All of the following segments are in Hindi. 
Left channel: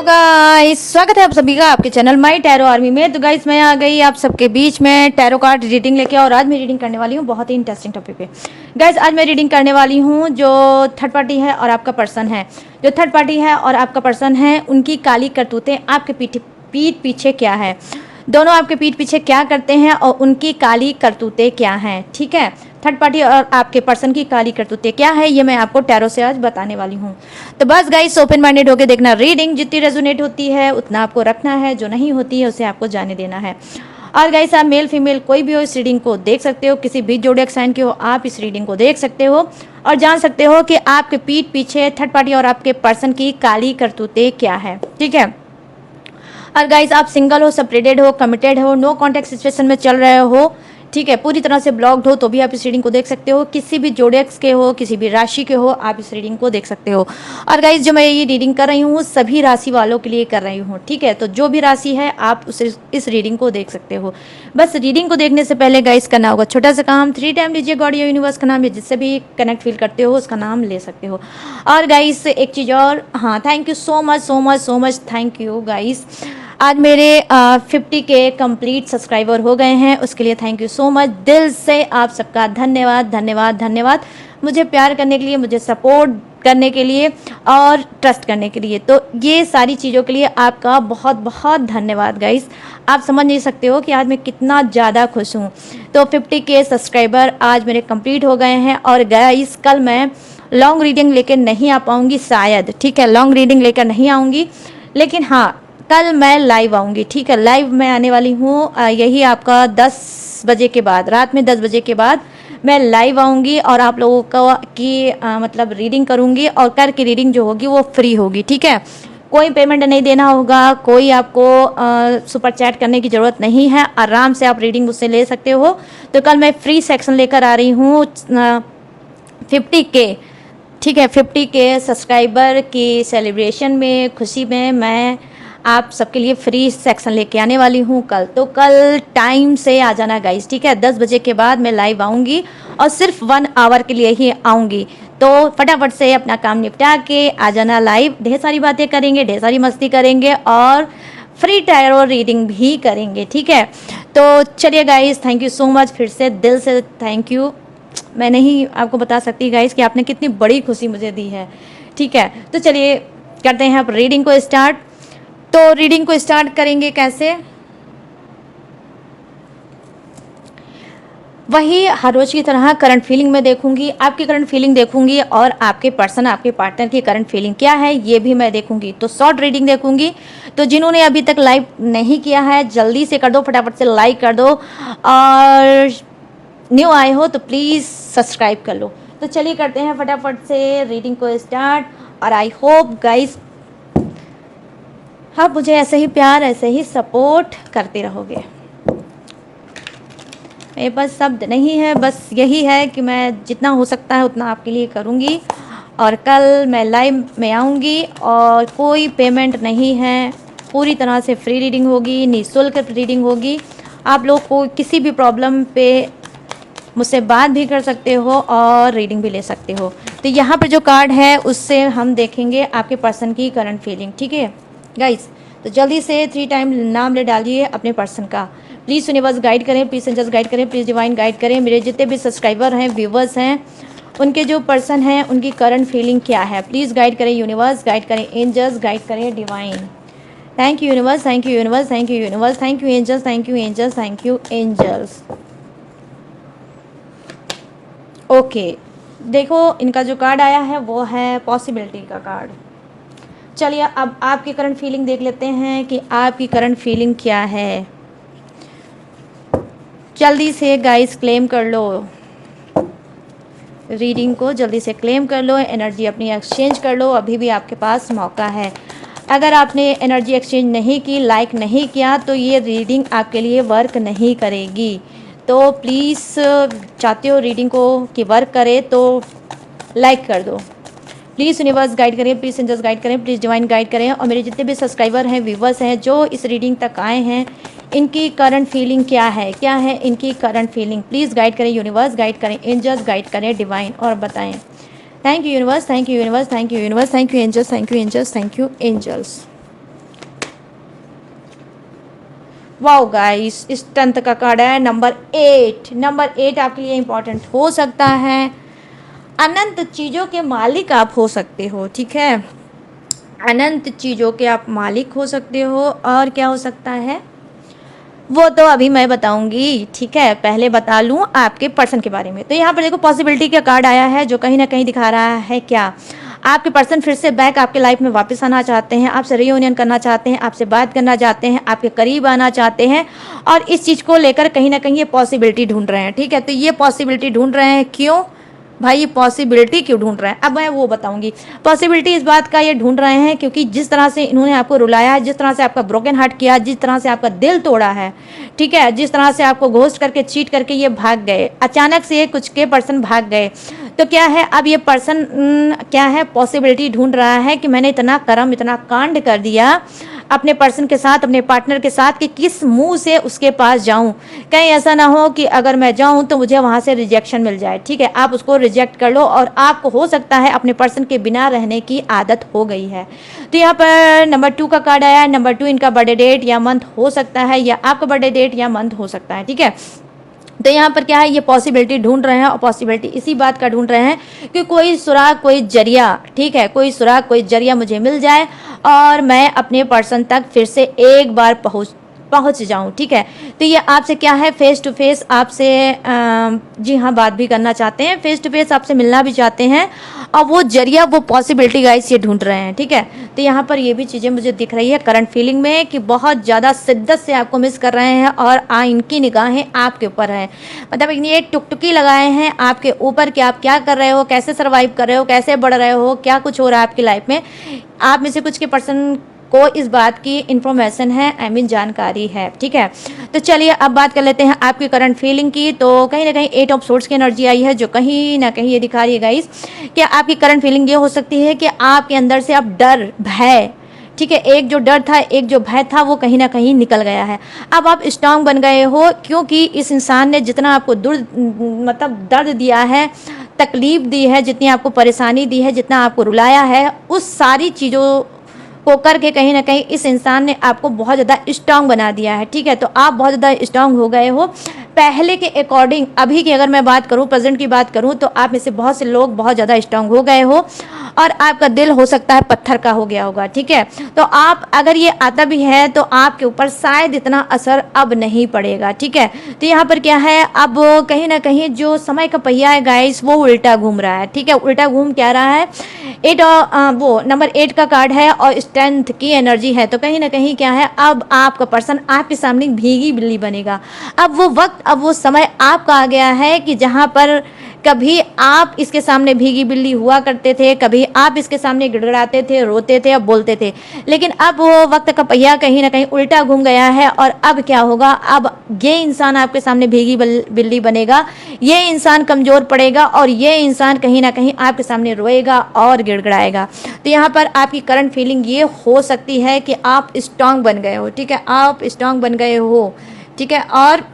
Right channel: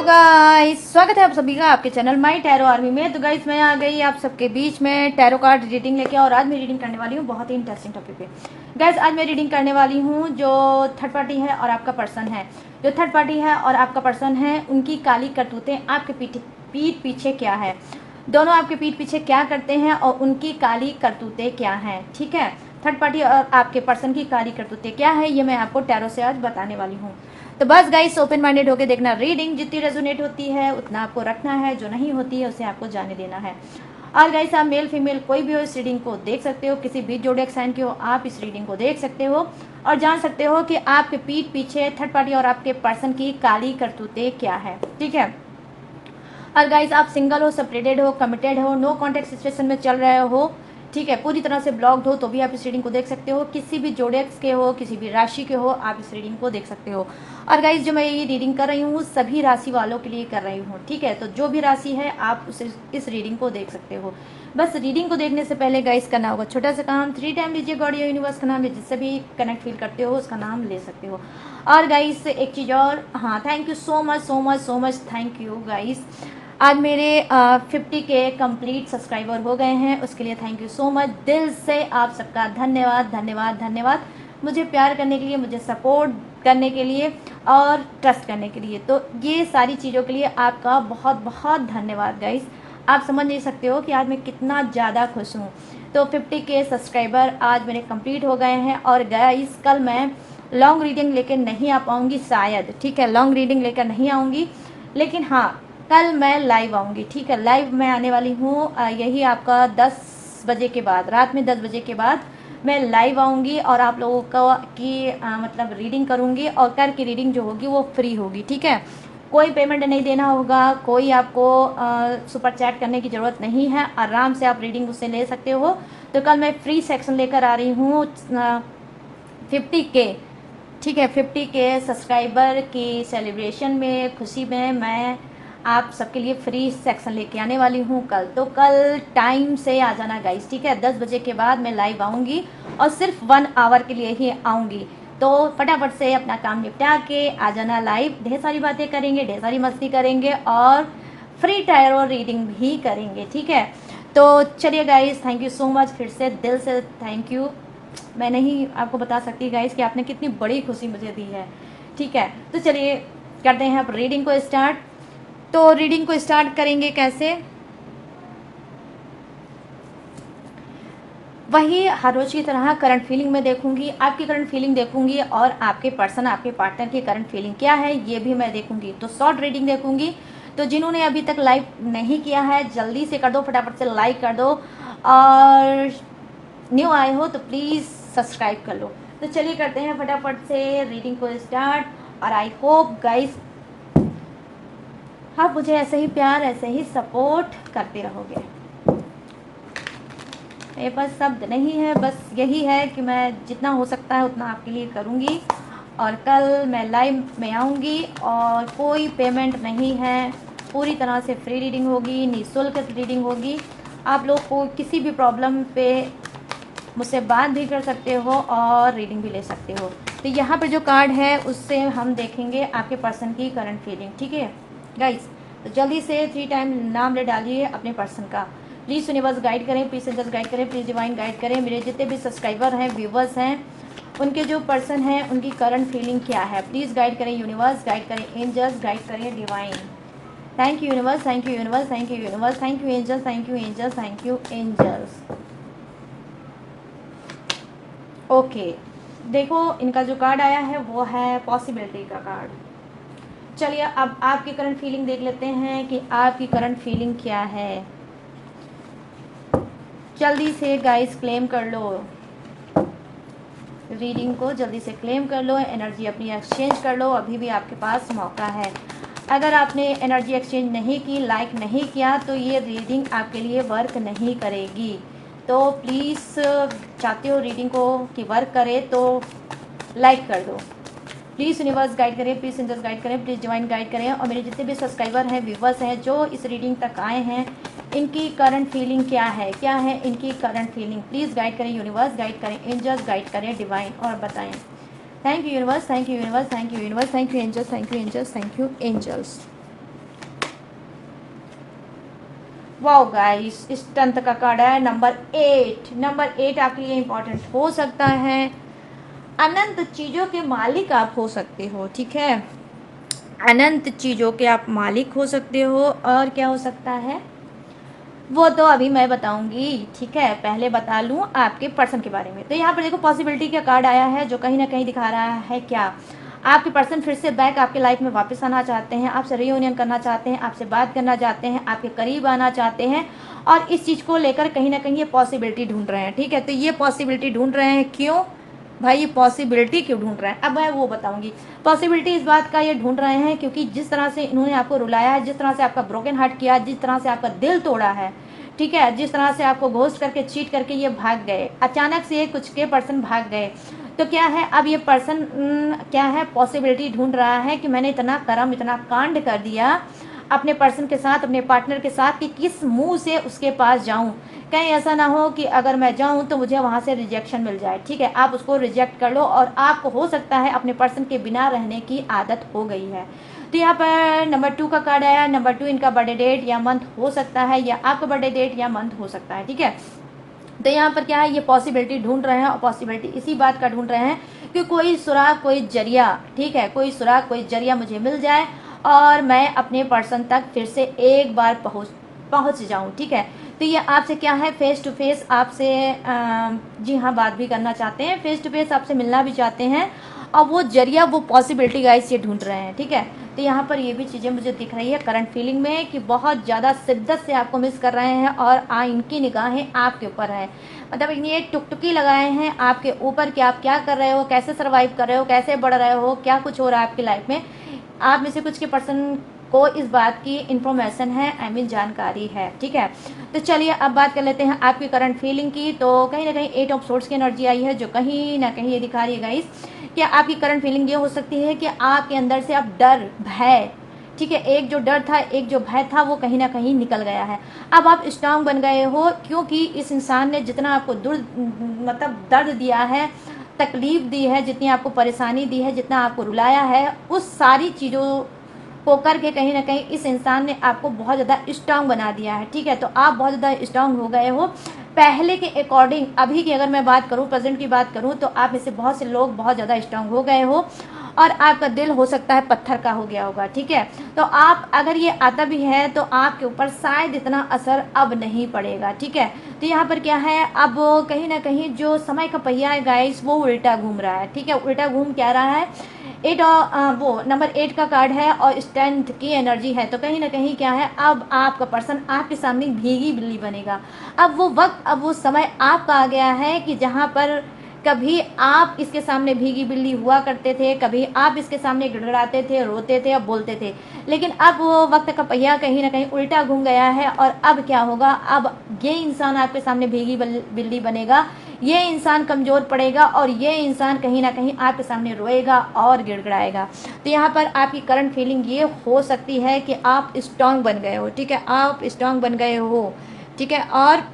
हेलो गाइस, स्वागत है आप सभी का आपके चैनल माय टैरो आर्मी में। तो गाइस, मैं आ गई आप सबके बीच में टैरो कार्ड रीडिंग लेके, और आज मैं रीडिंग करने वाली हूँ बहुत ही इंटरेस्टिंग टॉपिक पे। गाइस, आज मैं रीडिंग करने वाली हूँ जो थर्ड पार्टी है और आपका पर्सन है। जो थर्ड पार्टी है और आपका पर्सन है, उनकी काली करतूतें आपके पीठ पीछे क्या है। दोनों आपके पीठ पीछे क्या करते हैं और उनकी काली करतूतें क्या हैं। ठीक है, थर्ड पार्टी और आपके पर्सन की काली करतूतें क्या है, ये मैं आपको टैरो से आज बताने वाली हूँ। तो बस गाइस, ओपन माइंडेड होकर देखना। रीडिंग जितनी रेजोनेट होती है उतना आपको रखना है, जो नहीं होती है उसे आपको जाने देना है। और गाइस, आप मेल फीमेल कोई भी हो इस रीडिंग को देख सकते हो, किसी भी जोडिएक साइन के हो आप इस रीडिंग को देख सकते हो और जान सकते हो कि आपके पीठ पीछे थर्ड पार्टी और आपके पर्सन की काली करतूतें क्या है। ठीक है, और गाइस, आप सिंगल हो, सेपरेटेड हो, कमिटेड हो, नो कॉन्टैक्ट सिचुएशन में चल रहे हो, ठीक है, पूरी तरह से ब्लॉक्ड हो, तो भी आप इस रीडिंग को देख सकते हो। किसी भी जोडिएक्स के हो, किसी भी राशि के हो, आप इस रीडिंग को देख सकते हो। और गाइस, जो मैं ये रीडिंग कर रही हूँ सभी राशि वालों के लिए कर रही हूँ। ठीक है, तो जो भी राशि है आप इस रीडिंग को देख सकते हो। बस रीडिंग को देखने से पहले गाइस करना होगा छोटा सा काम, 3 टाइम लीजिए गॉड या यूनिवर्स का नाम, या जिससे भी कनेक्ट फील करते हो उसका नाम ले सकते हो। और गाइस, एक चीज़ और, हाँ, thank you so much so much so much, thank you guys. आज मेरे 50 के कंप्लीट सब्सक्राइबर हो गए हैं, उसके लिए थैंक यू सो मच। दिल से आप सबका धन्यवाद धन्यवाद धन्यवाद, मुझे प्यार करने के लिए, मुझे सपोर्ट करने के लिए और ट्रस्ट करने के लिए। तो ये सारी चीज़ों के लिए आपका बहुत बहुत धन्यवाद गाइस। आप समझ नहीं सकते हो कि आज मैं कितना ज़्यादा खुश हूँ। तो 50 के सब्सक्राइबर आज मेरे कंप्लीट हो गए हैं। और गाइस, कल मैं लॉन्ग रीडिंग लेकर नहीं आ पाऊँगी शायद, ठीक है, लॉन्ग रीडिंग लेकर नहीं आऊँगी, लेकिन हाँ, कल मैं लाइव आऊँगी। ठीक है, लाइव मैं आने वाली हूँ यही आपका 10 बजे के बाद, रात में 10 बजे के बाद मैं लाइव आऊँगी और आप लोगों का की मतलब रीडिंग करूँगी, और करके रीडिंग जो होगी वो फ्री होगी। ठीक है, कोई पेमेंट नहीं देना होगा, कोई आपको सुपर चैट करने की ज़रूरत नहीं है, आराम से आप रीडिंग उससे ले सकते हो। तो कल मैं फ्री सेक्शन लेकर आ रही हूँ 50 के, ठीक है, 50 के सब्सक्राइबर की सेलिब्रेशन में, खुशी में मैं आप सबके लिए फ्री सेक्शन लेके आने वाली हूँ कल। तो कल टाइम से आ जाना गाइस, ठीक है, 10 बजे के बाद मैं लाइव आऊँगी और सिर्फ 1 आवर के लिए ही आऊँगी। तो फटाफट से अपना काम निपटा के आ जाना लाइव, ढेर सारी बातें करेंगे, ढेर सारी मस्ती करेंगे और फ्री टैरो रीडिंग भी करेंगे। ठीक है, तो चलिए guys, thank you so much, फिर से दिल से थैंक यू। मैं नहीं आपको बता सकती गाइस कि आपने कितनी बड़ी खुशी मुझे दी है। ठीक है, तो चलिए करते हैं आप रीडिंग को स्टार्ट। तो रीडिंग को स्टार्ट करेंगे कैसे, वही हर रोज की तरह करंट फीलिंग में देखूंगी, आपकी करंट फीलिंग देखूंगी और आपके पर्सन, आपके पार्टनर की करंट फीलिंग क्या है ये भी मैं देखूंगी। तो शॉर्ट रीडिंग देखूंगी। तो जिन्होंने अभी तक लाइक नहीं किया है जल्दी से कर दो, फटाफट से लाइक कर दो, और न्यू आए हो तो प्लीज़ सब्सक्राइब कर लो। तो चलिए करते हैं फटाफट से रीडिंग को स्टार्ट। और आई होप गाइस आप मुझे ऐसे ही प्यार, ऐसे ही सपोर्ट करते रहोगे। मेरे पास शब्द नहीं है, बस यही है कि मैं जितना हो सकता है उतना आपके लिए करूँगी। और कल मैं लाइव में आऊँगी और कोई पेमेंट नहीं है, पूरी तरह से फ्री रीडिंग होगी, निःशुल्क रीडिंग होगी। आप लोग को किसी भी प्रॉब्लम पे मुझसे बात भी कर सकते हो और रीडिंग भी ले सकते हो। तो यहाँ पे जो कार्ड है उससे हम देखेंगे आपके पर्सन की करंट फीलिंग। ठीक है गाइस, तो जल्दी से 3 टाइम नाम ले डालिए अपने पर्सन का। प्लीज़ यूनिवर्स गाइड करें, प्लीज़ एंजल्स गाइड करें, प्लीज़ डिवाइन गाइड करें। मेरे जितने भी सब्सक्राइबर हैं, व्यूवर्स हैं, उनके जो पर्सन हैं उनकी करंट फीलिंग क्या है, प्लीज़ गाइड करें यूनिवर्स, गाइड करें एंजल्स, गाइड करें divine. Thank you universe, thank you universe, thank you universe, thank you angels, thank you angels, thank you angels. Okay, देखो इनका जो कार्ड आया है वो है पॉसिबिलिटी का कार्ड। चलिए अब आपकी करंट फीलिंग देख लेते हैं कि आपकी करंट फीलिंग क्या है। जल्दी से गाइस क्लेम कर लो रीडिंग को, जल्दी से क्लेम कर लो, एनर्जी अपनी एक्सचेंज कर लो, अभी भी आपके पास मौका है। अगर आपने एनर्जी एक्सचेंज नहीं की, लाइक नहीं किया, तो ये रीडिंग आपके लिए वर्क नहीं करेगी। तो प्लीज़ चाहते हो रीडिंग को कि वर्क करे तो लाइक कर दो। प्लीज़ यूनिवर्स गाइड करें, प्लीज़ एंजल्स गाइड करें, प्लीज़ डिवाइन गाइड करें। और मेरे जितने भी सब्सक्राइबर हैं, व्यूवर्स हैं, जो इस रीडिंग तक आए हैं, इनकी करंट फीलिंग क्या है, क्या है इनकी करंट फीलिंग, प्लीज़ गाइड करें यूनिवर्स, गाइड करें एंजल्स, गाइड करें डिवाइन, और बताएं। Thank you universe, thank you universe, thank you universe, thank you angels, thank you angels, thank you angels. Wow guys, इस तंत्र का कार्ड है नंबर 8। नंबर 8 आपके लिए इंपॉर्टेंट हो सकता है। अनंत चीज़ों के मालिक आप हो सकते हो, ठीक है, अनंत चीज़ों के आप मालिक हो सकते हो। और क्या हो सकता है वो तो अभी मैं बताऊंगी, ठीक है, पहले बता लूं आपके पर्सन के बारे में। तो यहाँ पर देखो पॉसिबिलिटी का कार्ड आया है जो कहीं ना कहीं दिखा रहा है क्या, आपके पर्सन फिर से बैक आपके लाइफ में वापस आना चाहते हैं, आपसे रियूनियन करना चाहते हैं, आपसे बात करना चाहते हैं, आपके करीब आना चाहते हैं। और इस चीज़ को लेकर कहीं ना कहीं ये पॉसिबिलिटी ढूंढ रहे हैं, ठीक है। तो ये पॉसिबिलिटी ढूंढ रहे हैं क्यों भाई, ये पॉसिबिलिटी क्यों ढूंढ रहे हैं अब मैं वो बताऊंगी। पॉसिबिलिटी इस बात का ये ढूंढ रहे हैं क्योंकि जिस तरह से इन्होंने आपको रुलाया है, जिस तरह से आपका ब्रोकन हार्ट किया, जिस तरह से आपका दिल तोड़ा है, ठीक है, जिस तरह से आपको घोस्ट करके चीट करके ये भाग गए, अचानक से कुछ के पर्सन भाग गए। तो क्या है अब ये पर्सन क्या है, पॉसिबिलिटी ढूंढ रहा है कि मैंने इतना कर्म इतना कांड कर दिया अपने पर्सन के साथ, अपने पार्टनर के साथ, कि किस मुंह से उसके पास जाऊं। कहीं ऐसा ना हो कि अगर मैं जाऊं तो मुझे वहां से रिजेक्शन मिल जाए, ठीक है। आप उसको रिजेक्ट कर लो और आपको हो सकता है अपने पर्सन के बिना रहने की आदत हो गई है। तो यहाँ पर नंबर 2 का कार्ड आया है। नंबर 2 इनका बर्थडे डेट या मंथ हो सकता है, या आपका बर्थडे डेट या मंथ हो सकता है, ठीक है। तो यहाँ पर क्या है, ये पॉसिबिलिटी ढूंढ रहे हैं और पॉसिबिलिटी इसी बात का ढूंढ रहे हैं कि कोई सुराग कोई जरिया, ठीक है, कोई सुराग कोई जरिया मुझे मिल जाए और मैं अपने पर्सन तक फिर से एक बार पहुंच जाऊं, ठीक है। तो ये आपसे क्या है, फेस टू फेस आपसे जी हाँ बात भी करना चाहते हैं, फेस टू फेस आपसे मिलना भी चाहते हैं, और वो जरिया वो पॉसिबिलिटी गाइस ये ढूंढ रहे हैं, ठीक है। तो यहाँ पर ये भी चीज़ें मुझे दिख रही है करंट फीलिंग में कि बहुत ज़्यादा शिद्दत से आपको मिस कर रहे हैं और इनकी निगाहें आपके ऊपर हैं। मतलब ये टुकटुकी लगाए हैं आपके ऊपर कि आप क्या कर रहे हो, कैसे सर्वाइव कर रहे हो, कैसे बढ़ रहे हो, क्या कुछ हो रहा है आपकी लाइफ में। आप में से कुछ के पर्सन को इस बात की इंफॉर्मेशन है, आई मीन जानकारी है, ठीक है। तो चलिए अब बात कर लेते हैं आपकी करंट फीलिंग की। तो कहीं ना कहीं 8 ऑफ सोर्ड्स की एनर्जी आई है जो कहीं ना कहीं ये दिखा रही है गाइस कि आपकी करंट फीलिंग ये हो सकती है कि आपके अंदर से आप डर भय, ठीक है, एक जो डर था एक जो भय था वो कहीं ना कहीं निकल गया है। अब आप स्ट्रांग बन गए हो क्योंकि इस इंसान ने जितना आपको मतलब दर्द दिया है, तकलीफ दी है, जितनी आपको परेशानी दी है, जितना आपको रुलाया है, उस सारी चीज़ों को करके कहीं ना कहीं इस इंसान ने आपको बहुत ज़्यादा स्ट्रांग बना दिया है, ठीक है। तो आप बहुत ज़्यादा स्ट्रांग हो गए हो पहले के अकॉर्डिंग। अभी की अगर मैं बात करूं, प्रेजेंट की बात करूं, तो आप में से बहुत से लोग बहुत ज़्यादा स्ट्रांग हो गए हो और आपका दिल हो सकता है पत्थर का हो गया होगा, ठीक है। तो आप अगर ये आता भी है तो आपके ऊपर शायद इतना असर अब नहीं पड़ेगा, ठीक है। तो यहाँ पर क्या है, अब कहीं ना कहीं जो समय का पहिया है गाइस वो उल्टा घूम रहा है, ठीक है। उल्टा घूम क्या रहा है, 8 वो नंबर 8 का कार्ड है और स्ट्रेंथ की एनर्जी है। तो कहीं ना कहीं क्या है, अब आपका पर्सन आपके सामने भीगी बिल्ली बनेगा। अब वो वक्त, अब वो समय आपका आ गया है कि जहाँ पर कभी आप इसके सामने भीगी बिल्ली हुआ करते थे, कभी आप इसके सामने गिड़गिड़ाते थे, रोते थे और बोलते थे, लेकिन अब वो वक्त का पहिया कहीं ना कहीं उल्टा घूम गया है। और अब क्या होगा, अब ये इंसान आपके सामने भीगी बिल्ली बनेगा, ये इंसान कमज़ोर पड़ेगा और ये इंसान कहीं ना कहीं आपके सामने रोएगा और गिड़गिड़ाएगा। तो यहाँ पर आपकी करंट फीलिंग ये हो सकती है कि आप स्ट्रांग बन गए हो, ठीक है, आप स्ट्रांग बन गए हो, ठीक है, और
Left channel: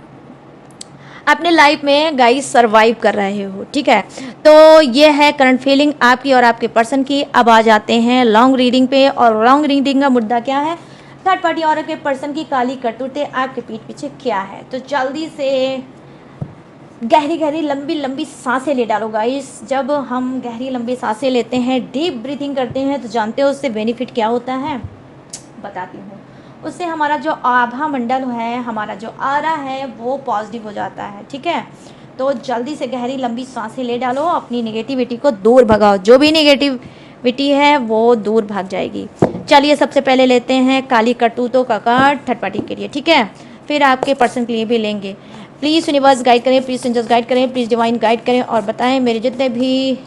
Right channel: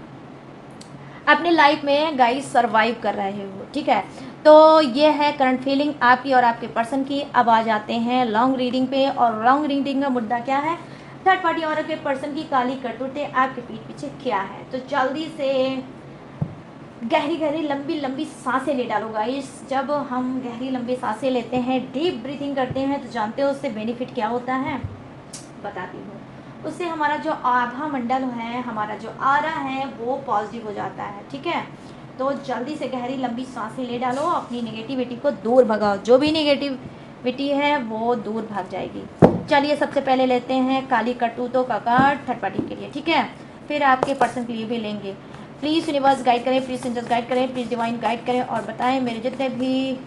अपने लाइफ में गाइस सरवाइव कर रहे हो, ठीक है। तो ये है करंट फीलिंग आपकी और आपके पर्सन की। अब आ जाते हैं लॉन्ग रीडिंग पे, और लॉन्ग रीडिंग का मुद्दा क्या है, थर्ड पार्टी और के पर्सन की काली करतूतें आपके पीठ पीछे क्या है। तो जल्दी से गहरी गहरी लंबी लंबी सांसें ले डालो गाइस। जब हम गहरी लंबी सांसें लेते हैं, डीप ब्रीथिंग करते हैं, तो जानते हो उससे बेनिफिट क्या होता है, बताती हूँ। उससे हमारा जो आभा मंडल है, हमारा जो आरा है, वो पॉजिटिव हो जाता है, ठीक है। तो जल्दी से गहरी लंबी सांसें ले डालो, अपनी नेगेटिविटी को दूर भगाओ, जो भी नेगेटिविटी है वो दूर भाग जाएगी। चलिए सबसे पहले लेते हैं काली करतूतों का कार्ड थर्ड पार्टी के लिए, ठीक है, फिर आपके पर्सन के लिए भी लेंगे। प्लीज़ यूनिवर्स गाइड करें, प्लीज़ एंजल्स गाइड करें, प्लीज़ डिवाइन गाइड करें और बताएं मेरे जितने भी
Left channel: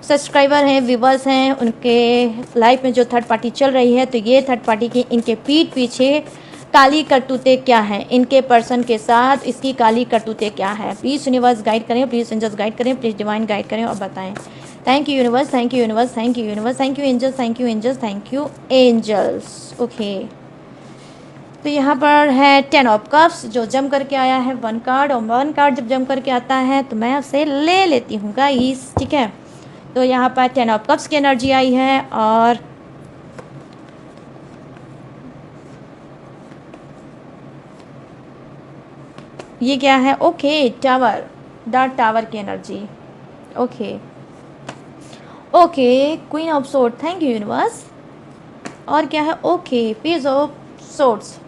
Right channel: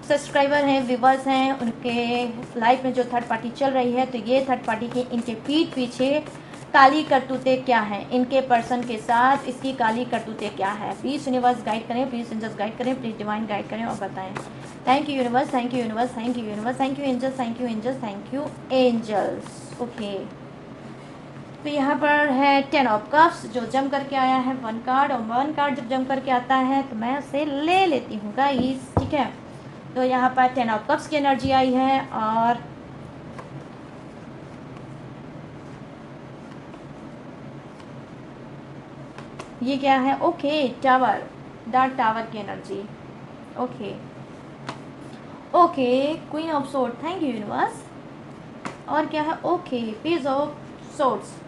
सब्सक्राइबर हैं, व्यूवर्स हैं, उनके लाइफ में जो थर्ड पार्टी चल रही है, तो ये थर्ड पार्टी की इनके पीठ पीछे काली करतूतें क्या हैं, इनके पर्सन के साथ इसकी काली करतूतें क्या है। प्लीज़ यूनिवर्स गाइड करें, प्लीज़ एंजल्स गाइड करें, प्लीज़ डिवाइन गाइड करें और बताएं। Thank you universe, thank you universe, thank you universe, thank you angels, thank you angels, thank you angels. Okay, तो यहाँ पर है 10 ऑफ कप्स जो जम करके आया है 1 कार्ड, और 1 कार्ड जब जम करके आता है तो मैं उसे ले लेती हूँ गाइस, ठीक है। तो यहाँ पर 10 ऑफ कप्स की एनर्जी आई है और ये क्या है? ओके, टावर, द टावर की energy. Okay okay, queen of sword, thank you universe. और क्या है? Okay, page of swords,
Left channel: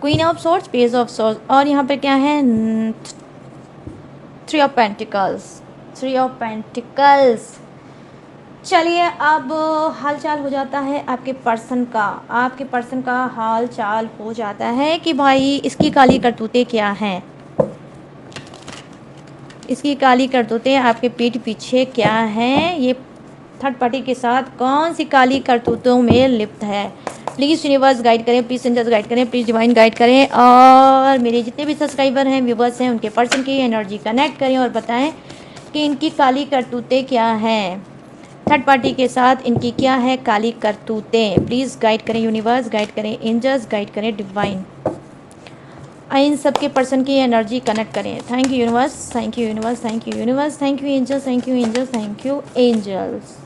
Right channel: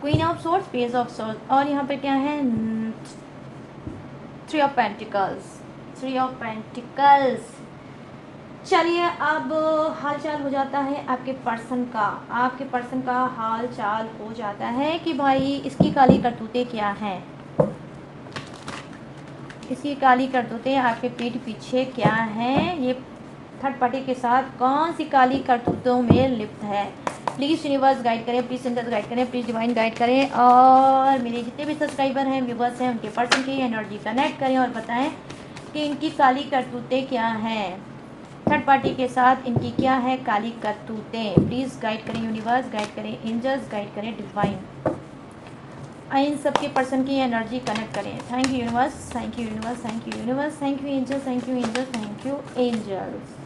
queen of swords, page of swords, और यहाँ पे क्या है? Three of pentacles, three of pentacles. चलिए अब हाल चाल हो जाता है आपके पर्सन का, आपके पर्सन का हाल चाल हो जाता है कि भाई इसकी काली करतूतें क्या हैं, इसकी काली करतूतें आपके पीठ पीछे क्या हैं, ये थर्ड पार्टी के साथ कौन सी काली करतूतों में लिप्त है। प्लीज़ यूनिवर्स गाइड करें, प्लीज़ सेंजर्स गाइड करें, प्लीज़ डिवाइन गाइड करें, और मेरे जितने भी सब्सक्राइबर हैं, व्यूवर्स हैं, उनके पर्सन की एनर्जी कनेक्ट करें और बताएं कि इनकी काली करतूतें क्या हैं, थर्ड पार्टी के साथ इनकी क्या है काली करतूतें। प्लीज़ गाइड करें यूनिवर्स, गाइड करें एंजल्स, गाइड करें डिवाइन, इन सब के पर्सन की एनर्जी कनेक्ट करें। Thank you universe, thank you universe, thank you universe, thank you angels, thank you angels, thank you angels.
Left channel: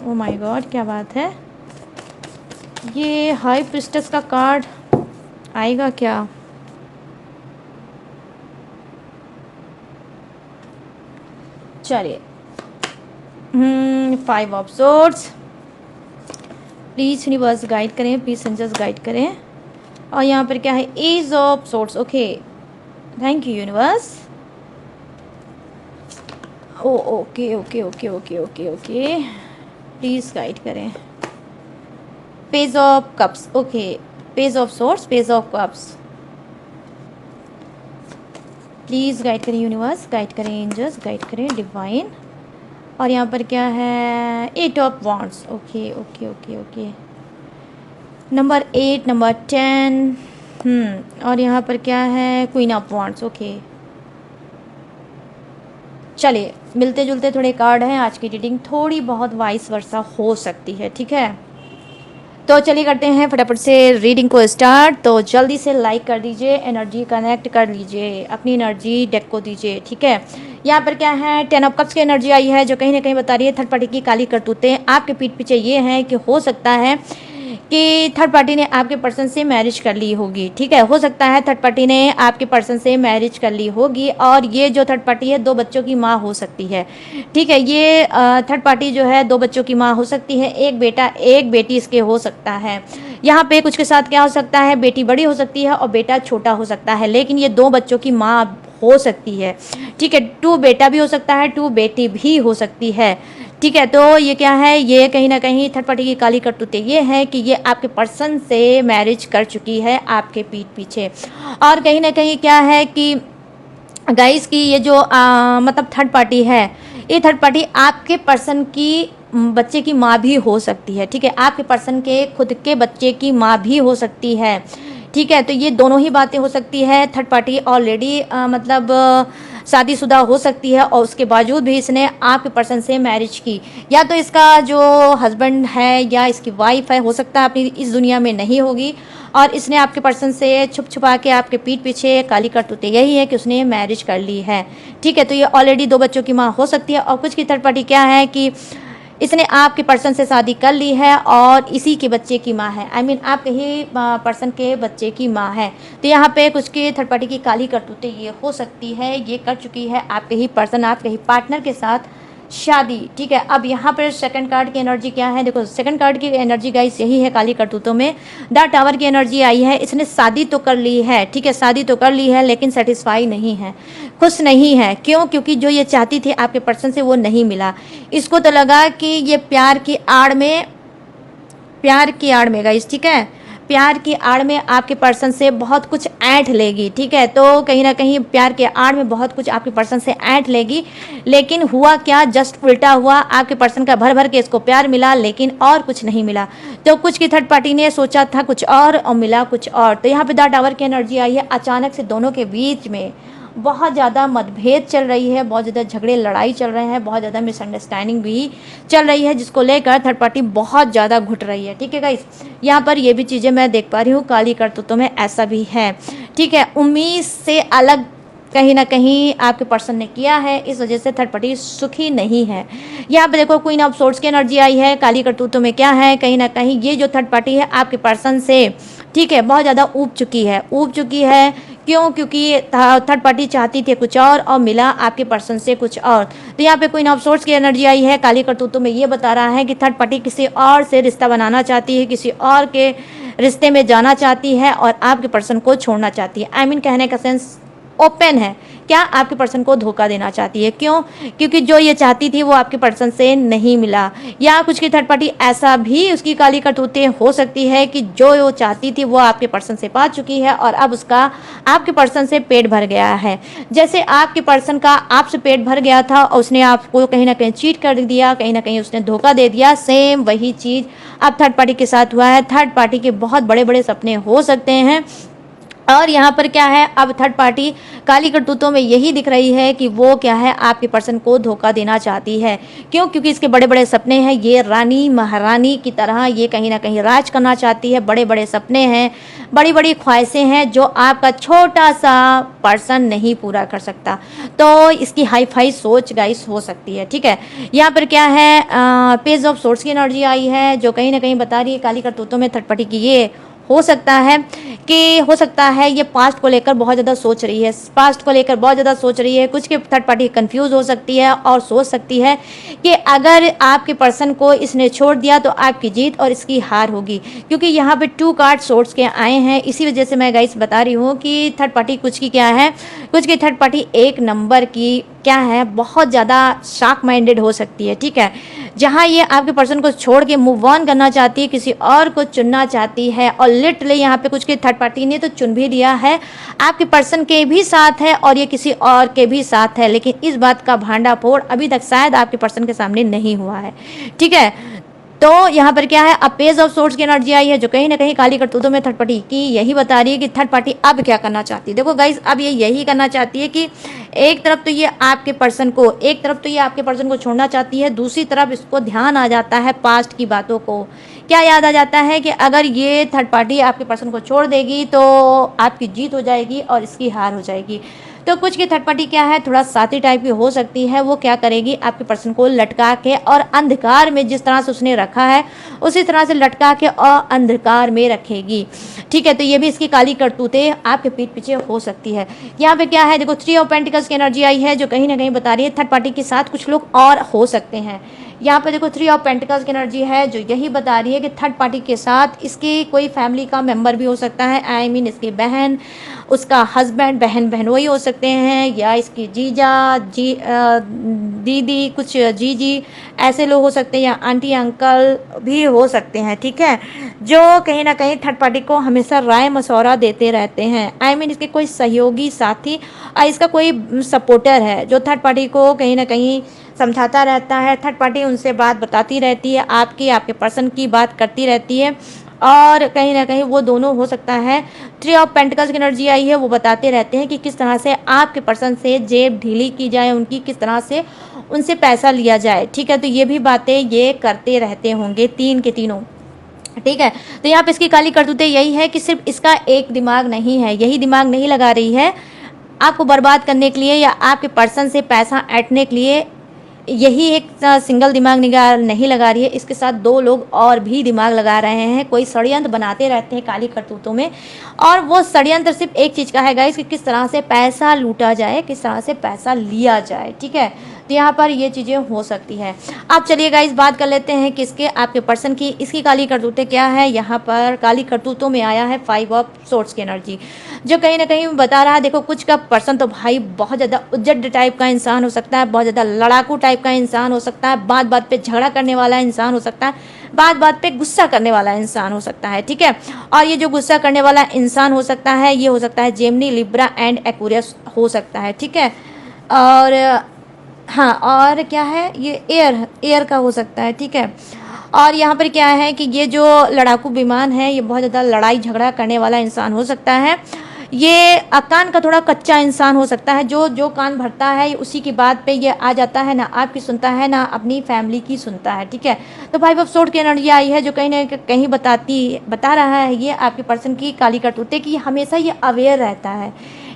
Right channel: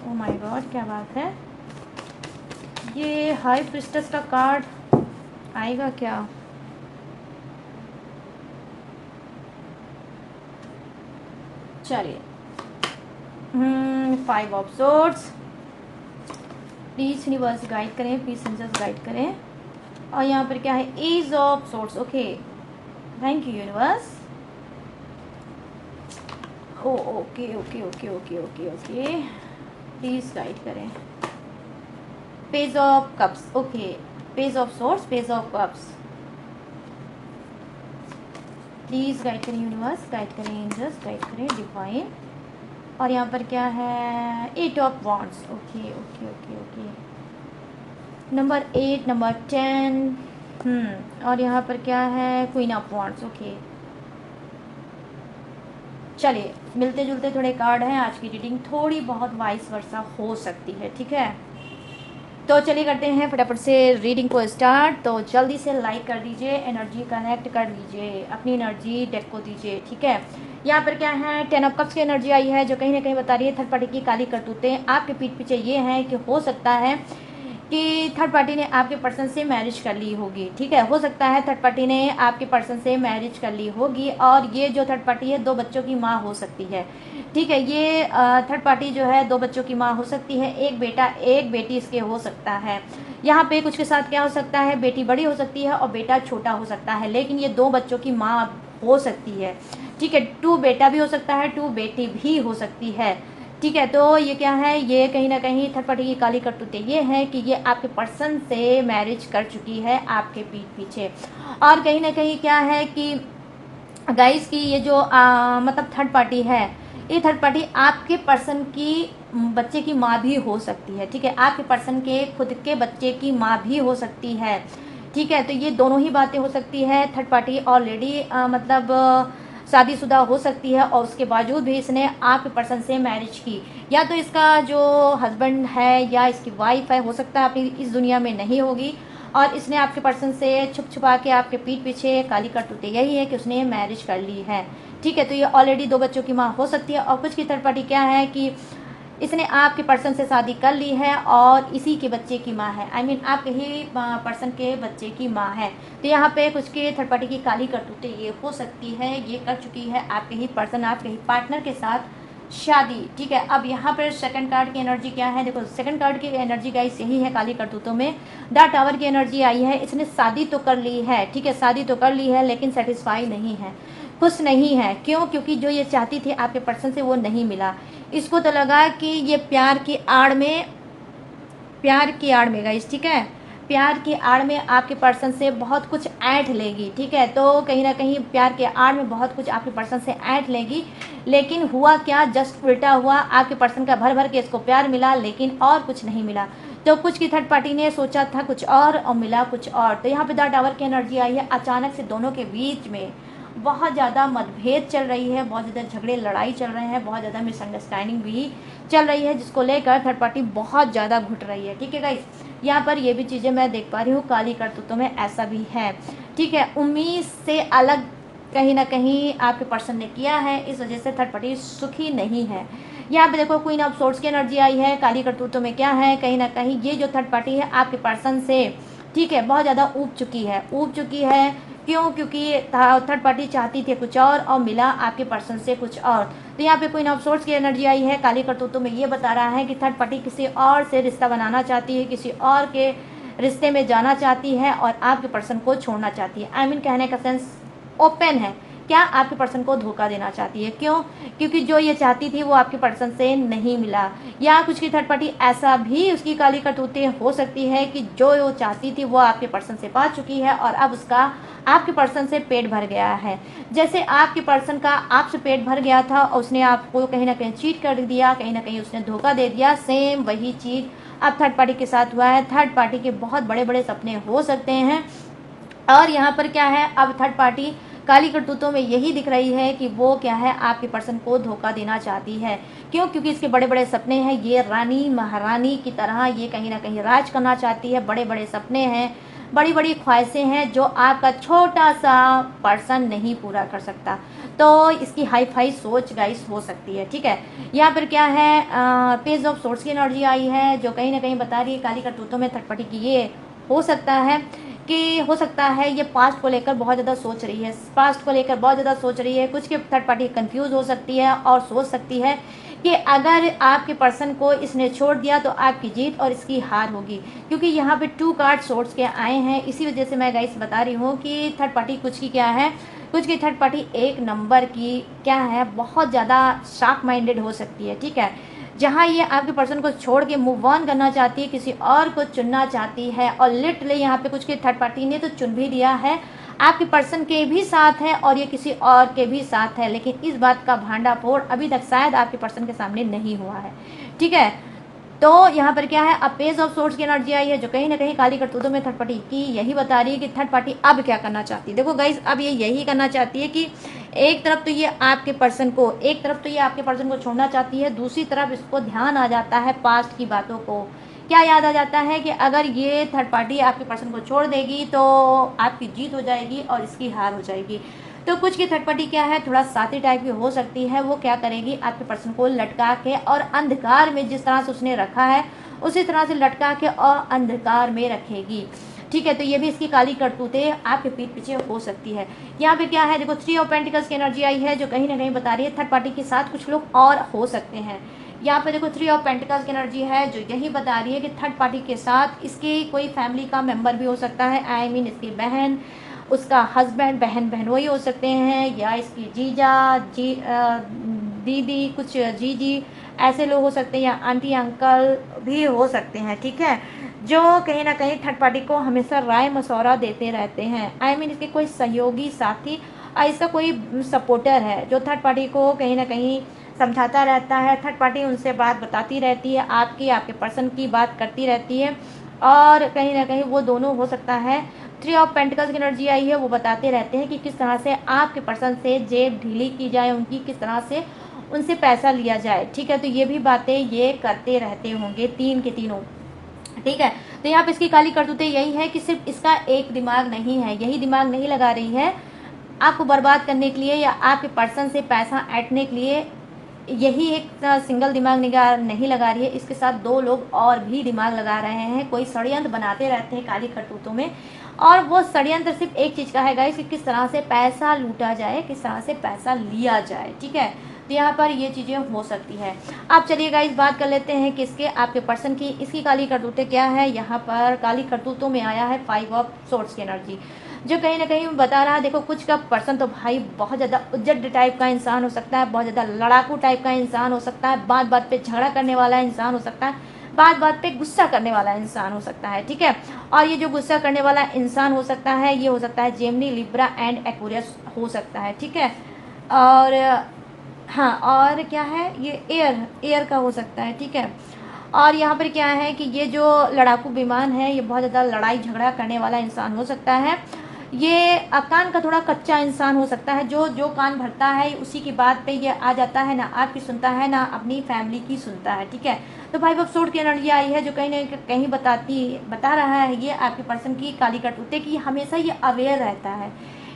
Oh my God, क्या बात है, ये हाई प्रिस्टेस का कार्ड आएगा क्या? चलिए, five of swords, please universe guide करें, प्लीज सेंजर्स गाइड करें, और यहाँ पर क्या है? Ace of swords. Okay, thank you universe. Oh okay okay okay okay okay okay, please guide करें। Page of cups, okay, page of swords, page of cups, please guide करें यूनिवर्स, गाइड करें एंजल्स, गाइड करें डिवाइन, और यहाँ पर क्या है? Eight of wands. Okay okay okay okay, number 8, number 10, और यहाँ पर क्या है? Queen of wands. ओके, चलिए मिलते जुलते थोड़े कार्ड हैं, आज की रीडिंग थोड़ी बहुत वाइस वर्सा हो सकती है, ठीक है। तो चलिए करते हैं फटाफट से रीडिंग को स्टार्ट। तो जल्दी से लाइक कर दीजिए, एनर्जी कनेक्ट कर लीजिए, अपनी एनर्जी डेक को दीजिए, ठीक है। यहाँ पर क्या है? 10 ऑफ कप्स की एनर्जी आई है, जो कहीं ना कहीं बता रही है थर्ड पार्टी की काली करतूतें आपके पीठ पीछे ये हैं कि हो सकता है कि थर्ड पार्टी ने आपके पर्सन से मैरिज कर ली होगी, ठीक है। हो सकता है थर्ड पार्टी ने आपके पर्सन से मैरिज कर ली होगी, और ये जो थर्ड पार्टी है 2 बच्चों की माँ हो सकती है, ठीक है। ये थर्ड पार्टी जो है 2 बच्चों की माँ हो सकती है, एक बेटा एक बेटी इसके हो सकता है। यहाँ पे कुछ के साथ क्या हो सकता है? बेटी बड़ी हो सकती है और बेटा छोटा हो सकता है, लेकिन ये 2 बच्चों की माँ हो सकती है, ठीक है। 2 बेटा भी हो सकता है, 2 बेटी भी हो सकती है, ठीक है। तो ये क्या है? ये कहीं ना कहीं थर्ड पार्टी की काली करतूतें ये है कि ये आपके पर्सन से मैरिज कर चुकी है आपके पीठ पीछे, और कहीं ना कहीं क्या है कि गाइस की ये जो मतलब थर्ड पार्टी है, ये थर्ड पार्टी आपके पर्सन की बच्चे की माँ भी हो सकती है, ठीक है। आपके पर्सन के खुद के बच्चे की माँ भी हो सकती है, ठीक है। तो ये दोनों ही बातें हो सकती है। थर्ड पार्टी ऑलरेडी मतलब शादीशुदा हो सकती है, और उसके बावजूद भी इसने आपके पर्सन से मैरिज की, या तो इसका जो हस्बैंड है या इसकी वाइफ है, हो सकता है अपनी इस दुनिया में नहीं होगी, और इसने आपके पर्सन से छुप छुपा के आपके पीठ पीछे काली करतूतें यही है कि उसने मैरिज कर ली है, ठीक है। तो ये ऑलरेडी 2 बच्चों की माँ हो सकती है, और कुछ की थर्ड पार्टी क्या है कि इसने आपके पर्सन से शादी कर ली है और इसी के बच्चे की माँ है, आई मीन आपके ही पर्सन के बच्चे की माँ है। तो यहाँ पे कुछ के थर्ड पार्टी की काली करतूतें ये हो सकती है, ये कर चुकी है आपके ही पर्सन, आपके ही पार्टनर के साथ शादी, ठीक है। अब यहाँ पर सेकंड कार्ड की एनर्जी क्या है? देखो सेकंड कार्ड की एनर्जी गाइस यही है काली करतूतों में, द टावर की एनर्जी आई है। इसने शादी तो कर ली है, ठीक है, शादी तो कर ली है, लेकिन सेटिस्फाई नहीं है, खुश नहीं है। क्यों? क्योंकि जो ये चाहती थी आपके पर्सन से वो नहीं मिला। इसको तो लगा कि ये प्यार की आड़ में गाइस, ठीक है, प्यार की आड़ में आपके पर्सन से बहुत कुछ ऐंठ लेगी, ठीक है। तो कहीं ना कहीं प्यार के आड़ में बहुत कुछ आपके पर्सन से ऐंठ लेगी, लेकिन हुआ क्या? जस्ट उल्टा हुआ। आपके पर्सन का भर भर के इसको प्यार मिला, लेकिन और कुछ नहीं मिला। तो कुछ की थर्ड पार्टी ने सोचा था कुछ और मिला कुछ और। तो यहाँ पे द टावर की एनर्जी आई है। अचानक से दोनों के बीच में बहुत ज़्यादा मतभेद चल रही है, बहुत ज़्यादा झगड़े लड़ाई चल रहे हैं, बहुत ज़्यादा मिसअंडरस्टैंडिंग भी चल रही है, जिसको लेकर थर्ड पार्टी बहुत ज़्यादा घुट रही है, ठीक है गाइस। यहाँ पर ये भी चीज़ें मैं देख पा रही हूँ, काली करतूतों में ऐसा भी है, ठीक है। उम्मीद से अलग कहीं ना कहीं आपके पर्सन ने किया है, इस वजह से थर्ड पार्टी सुखी नहीं है। यहाँ पे देखो क्वीन ऑफ सोर्ड्स की एनर्जी आई है। काली करतूतों में क्या है? कहीं ना कहीं ये जो थर्ड पार्टी है आपके पर्सन से ठीक है, बहुत ज़्यादा ऊब चुकी है। क्यों? क्योंकि थर्ड पार्टी चाहती थी कुछ और मिला आपके पर्सन से कुछ और। तो यहाँ पे क्वीन ऑफ सोर्ड्स की एनर्जी आई है, काली करतूतों में ये बता रहा है कि थर्ड पार्टी किसी और से रिश्ता बनाना चाहती है, किसी और के रिश्ते में जाना चाहती है और आपके पर्सन को छोड़ना चाहती है। आई मीन कहने का सेंस ओपन है, क्या आपके पर्सन को धोखा देना चाहती है। क्यों? क्योंकि जो ये चाहती थी वो आपके पर्सन से नहीं मिला, या कुछ की थर्ड पार्टी ऐसा भी उसकी काली करतूतें हो सकती है कि जो वो चाहती थी वो आपके पर्सन से पा चुकी है और अब उसका आपके पर्सन से पेट भर गया है। जैसे आपके पर्सन का आपसे पेट भर गया था और उसने आपको कहीं ना कहीं चीट कर दिया, कहीं ना कहीं उसने धोखा दे दिया, सेम वही चीज़ अब थर्ड पार्टी के साथ हुआ है। थर्ड पार्टी के बहुत बड़े बड़े सपने हो सकते हैं और यहाँ पर क्या है, अब थर्ड पार्टी काली करतूतों में यही दिख रही है कि वो क्या है, आपके पर्सन को धोखा देना चाहती है। क्यों? क्योंकि इसके बड़े बड़े सपने हैं, ये रानी महारानी की तरह ये कहीं ना कहीं राज करना चाहती है। बड़े बड़े सपने हैं, बड़ी बड़ी ख्वाहिशें हैं जो आपका छोटा सा पर्सन नहीं पूरा कर सकता। तो इसकी हाई फाई सोच गाइस हो सकती है। ठीक है, यहाँ पर क्या है, पेज ऑफ सोर्स की एनर्जी आई है जो कहीं ना कहीं बता रही है काली करतूतों में थर्ड पार्टी की ये हो सकता है ये पास्ट को लेकर बहुत ज़्यादा सोच रही है, पास्ट को लेकर बहुत ज़्यादा सोच रही है। कुछ के थर्ड पार्टी कंफ्यूज हो सकती है और सोच सकती है कि अगर आपके पर्सन को इसने छोड़ दिया तो आपकी जीत और इसकी हार होगी। क्योंकि यहाँ पे 2 कार्ड सोर्स के आए हैं, इसी वजह से मैं गाइस बता रही हूँ कि थर्ड पार्टी कुछ की क्या है, कुछ की थर्ड पार्टी एक नंबर की क्या है, बहुत ज़्यादा शार्क माइंडेड हो सकती है। ठीक है, जहाँ ये आपके पर्सन को छोड़ के मूव ऑन करना चाहती है, किसी और को चुनना चाहती है और लिटरली यहाँ पे कुछ की थर्ड पार्टी ने तो चुन भी लिया है, आपके पर्सन के भी साथ है और ये किसी और के भी साथ है, लेकिन इस बात का भांडाफोड़ अभी तक शायद आपके पर्सन के सामने नहीं हुआ है। ठीक है, तो यहाँ पर क्या है, अब पेज ऑफ सोर्ड्स की एनर्जी आई है जो कहीं ना कहीं काली करतूतों में थर्ड पार्टी की यही बता रही है कि थर्ड पार्टी अब क्या करना चाहती है। देखो गाइस, अब ये यही करना चाहती है कि एक तरफ तो ये आपके पर्सन को छोड़ना चाहती है, दूसरी तरफ इसको ध्यान आ जाता है पास्ट की बातों को। क्या याद आ जाता है कि अगर ये थर्ड पार्टी आपके पर्सन को छोड़ देगी तो आपकी जीत हो जाएगी और इसकी हार हो जाएगी। तो कुछ की थर्ड पार्टी क्या है, थोड़ा साथी टाइप की हो सकती है। वो क्या करेगी, आपके पर्सन को लटका के और अंधकार में जिस तरह से उसने रखा है उसी तरह से लटका के और अंधकार में रखेगी। ठीक है, तो ये भी इसकी काली करतूतें आपके पीठ पीछे हो सकती है। यहाँ पे क्या है, देखो 3 ऑफ पेंटिकल्स की एनर्जी आई है जो कहीं ना कहीं बता रही है थर्ड पार्टी के साथ कुछ लोग और हो सकते हैं। यहाँ पे देखो 3 ऑफ पेंटिकल्स की एनर्जी है जो यही बता रही है कि थर्ड पार्टी के साथ इसकी कोई फैमिली का मेंबर भी हो सकता है। आई मीन इसकी बहन, उसका हस्बैंड, बहन वही हो सकते हैं, या इसकी जीजा दीदी, कुछ जीजी ऐसे लोग हो सकते हैं, या आंटी अंकल भी हो सकते हैं। ठीक है, जो कहीं ना कहीं थर्ड पार्टी को हमेशा राय मशवरा देते रहते हैं। आई मीन इसके कोई सहयोगी साथी और इसका कोई सपोर्टर है जो थर्ड पार्टी को कहीं ना कहीं समझाता रहता है। थर्ड पार्टी उनसे बात बताती रहती है, आपके पर्सन की बात करती रहती है और कहीं ना कहीं वो दोनों हो सकता है। 3 ऑफ पेंटिकल्स की एनर्जी आई है, वो बताते रहते हैं कि किस तरह से आपके पर्सन से जेब ढीली की जाए, उनकी किस तरह से उनसे पैसा लिया जाए। ठीक है, तो ये भी बातें ये करते रहते होंगे 3 के तीनों। ठीक है, तो यहाँ पे इसकी काली करतूतें यही है कि सिर्फ इसका एक दिमाग नहीं है, यही दिमाग नहीं लगा रही है आपको बर्बाद करने के लिए या आपके पर्सन से पैसा ऐंठने के लिए। यही एक सिंगल दिमाग नहीं लगा रही है, इसके साथ 2 लोग और भी दिमाग लगा रहे हैं, कोई षड्यंत्र बनाते रहते हैं काली करतूतों में। और वो षड्यंत्र सिर्फ एक चीज़ का है गाइस कि किस तरह से पैसा लूटा जाए, किस तरह से पैसा लिया जाए। ठीक है, तो यहाँ पर ये चीज़ें हो सकती है। अब चलिए गाइस बात कर लेते हैं किसके, आपके पर्सन की। इसकी काली करतूतें क्या है, यहाँ पर काली करतूतों में आया है 5 ऑफ सोर्ड्स की एनर्जी जो कहीं ना कहीं बता रहा है, देखो कुछ का पर्सन तो भाई बहुत ज़्यादा उज्जट टाइप का इंसान हो सकता है, बहुत ज़्यादा लड़ाकू टाइप का इंसान हो सकता है, बात बात पे झगड़ा करने वाला इंसान हो सकता है, बात बात पे गुस्सा करने वाला इंसान हो सकता है। ठीक है, और ये जो गुस्सा करने वाला इंसान हो सकता है ये हो सकता है जेमिनी, लिब्रा एंड एक्वेरियस हो सकता है। ठीक है, और हाँ, और क्या है, ये एयर का हो सकता है। ठीक है, और यहाँ पर क्या है कि ये जो लड़ाकू विमान है ये बहुत ज़्यादा लड़ाई झगड़ा करने वाला इंसान हो सकता है। ये कान का थोड़ा कच्चा इंसान हो सकता है, जो कान भरता है उसी की बात पे ये आ जाता है, ना आपकी सुनता है ना अपनी फैमिली की सुनता है। ठीक है, तो 5 ऑफ सोर्ड की एनर्जी आई है जो कहीं ना कहीं बता रहा है ये आपके पर्सन की काली करतूतें कि हमेशा ये अवेयर रहता है।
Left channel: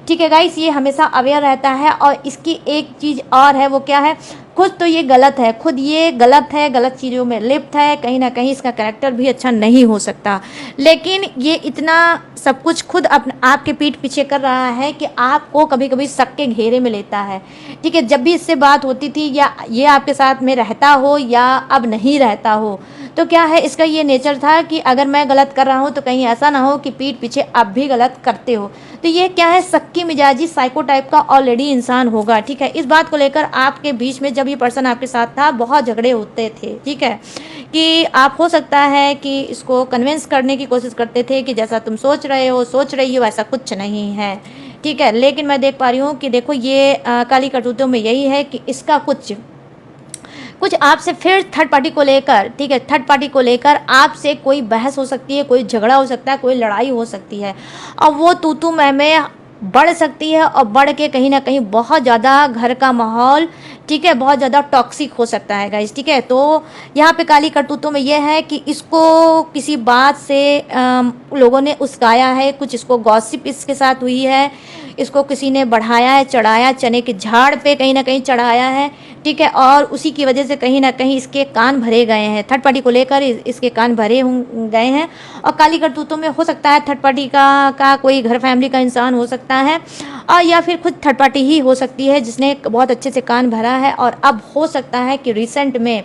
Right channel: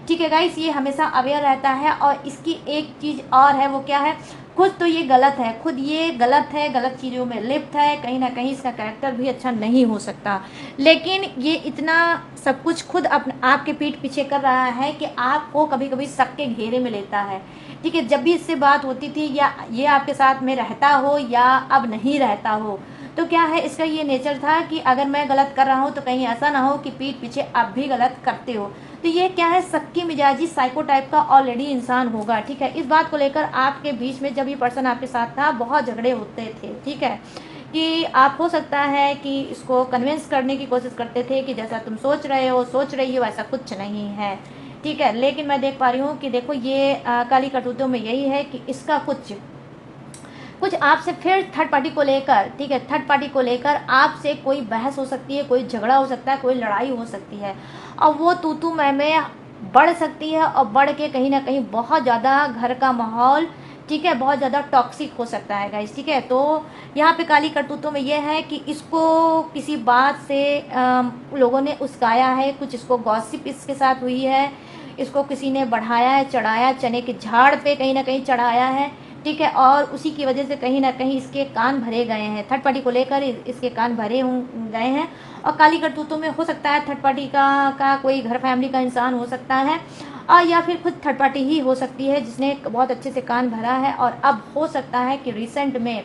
ठीक है गाइस, ये हमेशा अवेयर रहता है। और इसकी एक चीज़ और है, वो क्या है, खुद तो ये गलत है, खुद ये गलत है, गलत चीज़ों में लिप्त है, कहीं ना कहीं इसका कैरेक्टर भी अच्छा नहीं हो सकता, लेकिन ये इतना सब कुछ खुद आपके पीठ पीछे कर रहा है कि आपको कभी कभी शक के घेरे में लेता है। ठीक है, जब भी इससे बात होती थी या ये आपके साथ में रहता हो या अब नहीं रहता हो, तो क्या है, इसका ये नेचर था कि अगर मैं गलत कर रहा हूँ तो कहीं ऐसा ना हो कि पीठ पीछे आप भी गलत करते हो। तो ये क्या है, सक्की मिजाजी साइको टाइप का ऑलरेडी इंसान होगा। ठीक है, इस बात को लेकर आपके बीच में जब ये पर्सन आपके साथ था बहुत झगड़े होते थे। ठीक है, कि आप हो सकता है कि इसको कन्विंस करने की कोशिश करते थे कि जैसा तुम सोच रहे हो सोच रही हो ऐसा कुछ नहीं है। ठीक है, लेकिन मैं देख पा रही हूँ कि देखो ये काली करतूतों में यही है कि इसका कुछ कुछ आपसे फिर थर्ड पार्टी को लेकर, ठीक है, थर्ड पार्टी को लेकर आपसे कोई बहस हो सकती है, कोई झगड़ा हो सकता है, कोई लड़ाई हो सकती है, और वो तू मैं बढ़ सकती है, और बढ़ के कहीं ना कहीं बहुत ज़्यादा घर का माहौल, ठीक है, बहुत ज़्यादा टॉक्सिक हो सकता है गाइस। ठीक है, तो यहाँ पे काली करतूतों में यह है कि इसको किसी बात से लोगों ने उस्काया है, कुछ इसको गॉसिप इसके साथ हुई है, इसको किसी ने बढ़ाया है, चढ़ाया, चने के झाड़ पे कहीं ना कहीं चढ़ाया है। ठीक है, और उसी की वजह से कहीं ना कहीं इसके कान भरे गए हैं, थर्ड पार्टी को लेकर इसके कान भरे गए हैं। और काली करतूतों में हो सकता है थर्ड पार्टी का कोई घर फैमिली का इंसान हो सकता है, और या फिर खुद थर्ड पार्टी ही हो सकती है जिसने बहुत अच्छे से कान भरा है, और अब हो सकता है कि रिसेंट में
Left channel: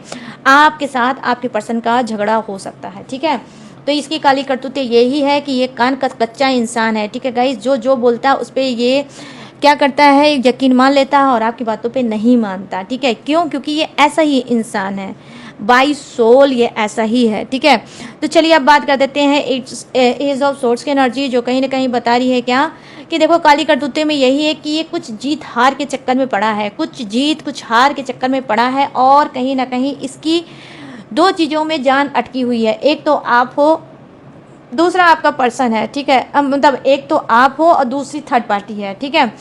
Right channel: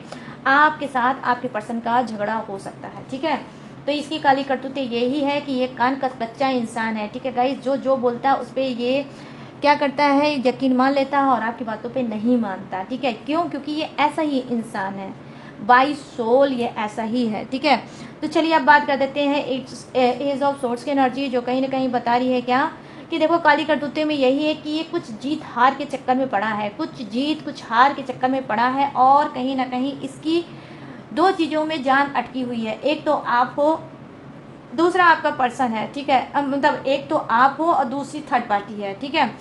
आपके साथ आपके पर्सन का झगड़ा हो सकता है। ठीक है, तो इसकी काली करतूतें यही है कि ये कान का कच्चा इंसान है। ठीक है गाइस, जो जो बोलता है उस पर ये क्या करता है, यकीन मान लेता है और आपकी बातों पे नहीं मानता। ठीक है, क्यों? क्योंकि ये ऐसा ही इंसान है, बाई सोल ये ऐसा ही है। ठीक है, तो चलिए अब बात कर देते हैं एज ऑफ सोर्ट्स की एनर्जी, जो कहीं ना कहीं बता रही है क्या कि देखो काली करतूते में यही है कि ये कुछ जीत हार के चक्कर में पड़ा है, कुछ जीत कुछ हार के चक्कर में पड़ा है, और कहीं ना कहीं इसकी दो चीज़ों में जान अटकी हुई है, एक तो आप हो, दूसरा आपका पर्सन है। ठीक है, मतलब एक तो आप हो और दूसरी थर्ड पार्टी है। ठीक है,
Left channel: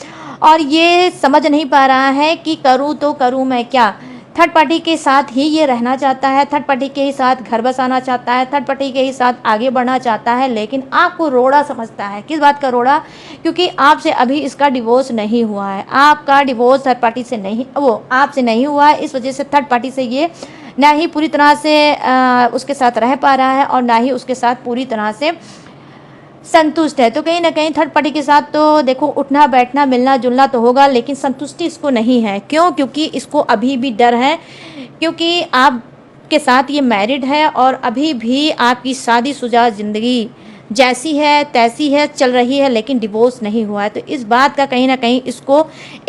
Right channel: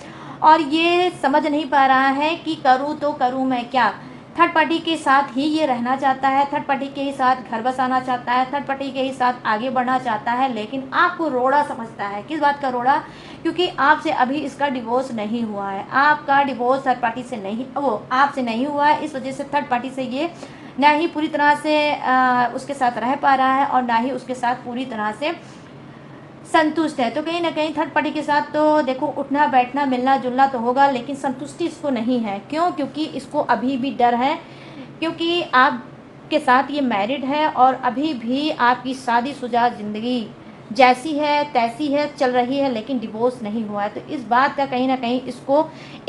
और ये समझ नहीं पा रहा है कि करूँ तो करूँ मैं क्या। थर्ड पार्टी के साथ ही ये रहना चाहता है, थर्ड पार्टी के ही साथ घर बसाना चाहता है, थर्ड पार्टी के ही साथ आगे बढ़ना चाहता है, लेकिन आपको रोड़ा समझता है। किस बात का रोड़ा? क्योंकि आपसे अभी इसका डिवोर्स नहीं हुआ है, आपका डिवोर्स थर्ड पार्टी से नहीं, वो आपसे नहीं हुआ है, इस वजह से थर्ड पार्टी से ये ना ही पूरी तरह से उसके साथ रह पा रहा है और ना ही उसके साथ पूरी तरह से संतुष्ट है। तो कहीं ना कहीं थर्ड पार्टी के साथ तो देखो उठना बैठना मिलना जुलना तो होगा, लेकिन संतुष्टि इसको नहीं है। क्यों? क्योंकि इसको अभी भी डर है, क्योंकि आपके साथ ये मैरिड है और अभी भी आपकी शादीशुदा ज़िंदगी जैसी है तैसी है चल रही है, लेकिन डिवोर्स नहीं हुआ है। तो इस बात का कहीं ना कहीं इसको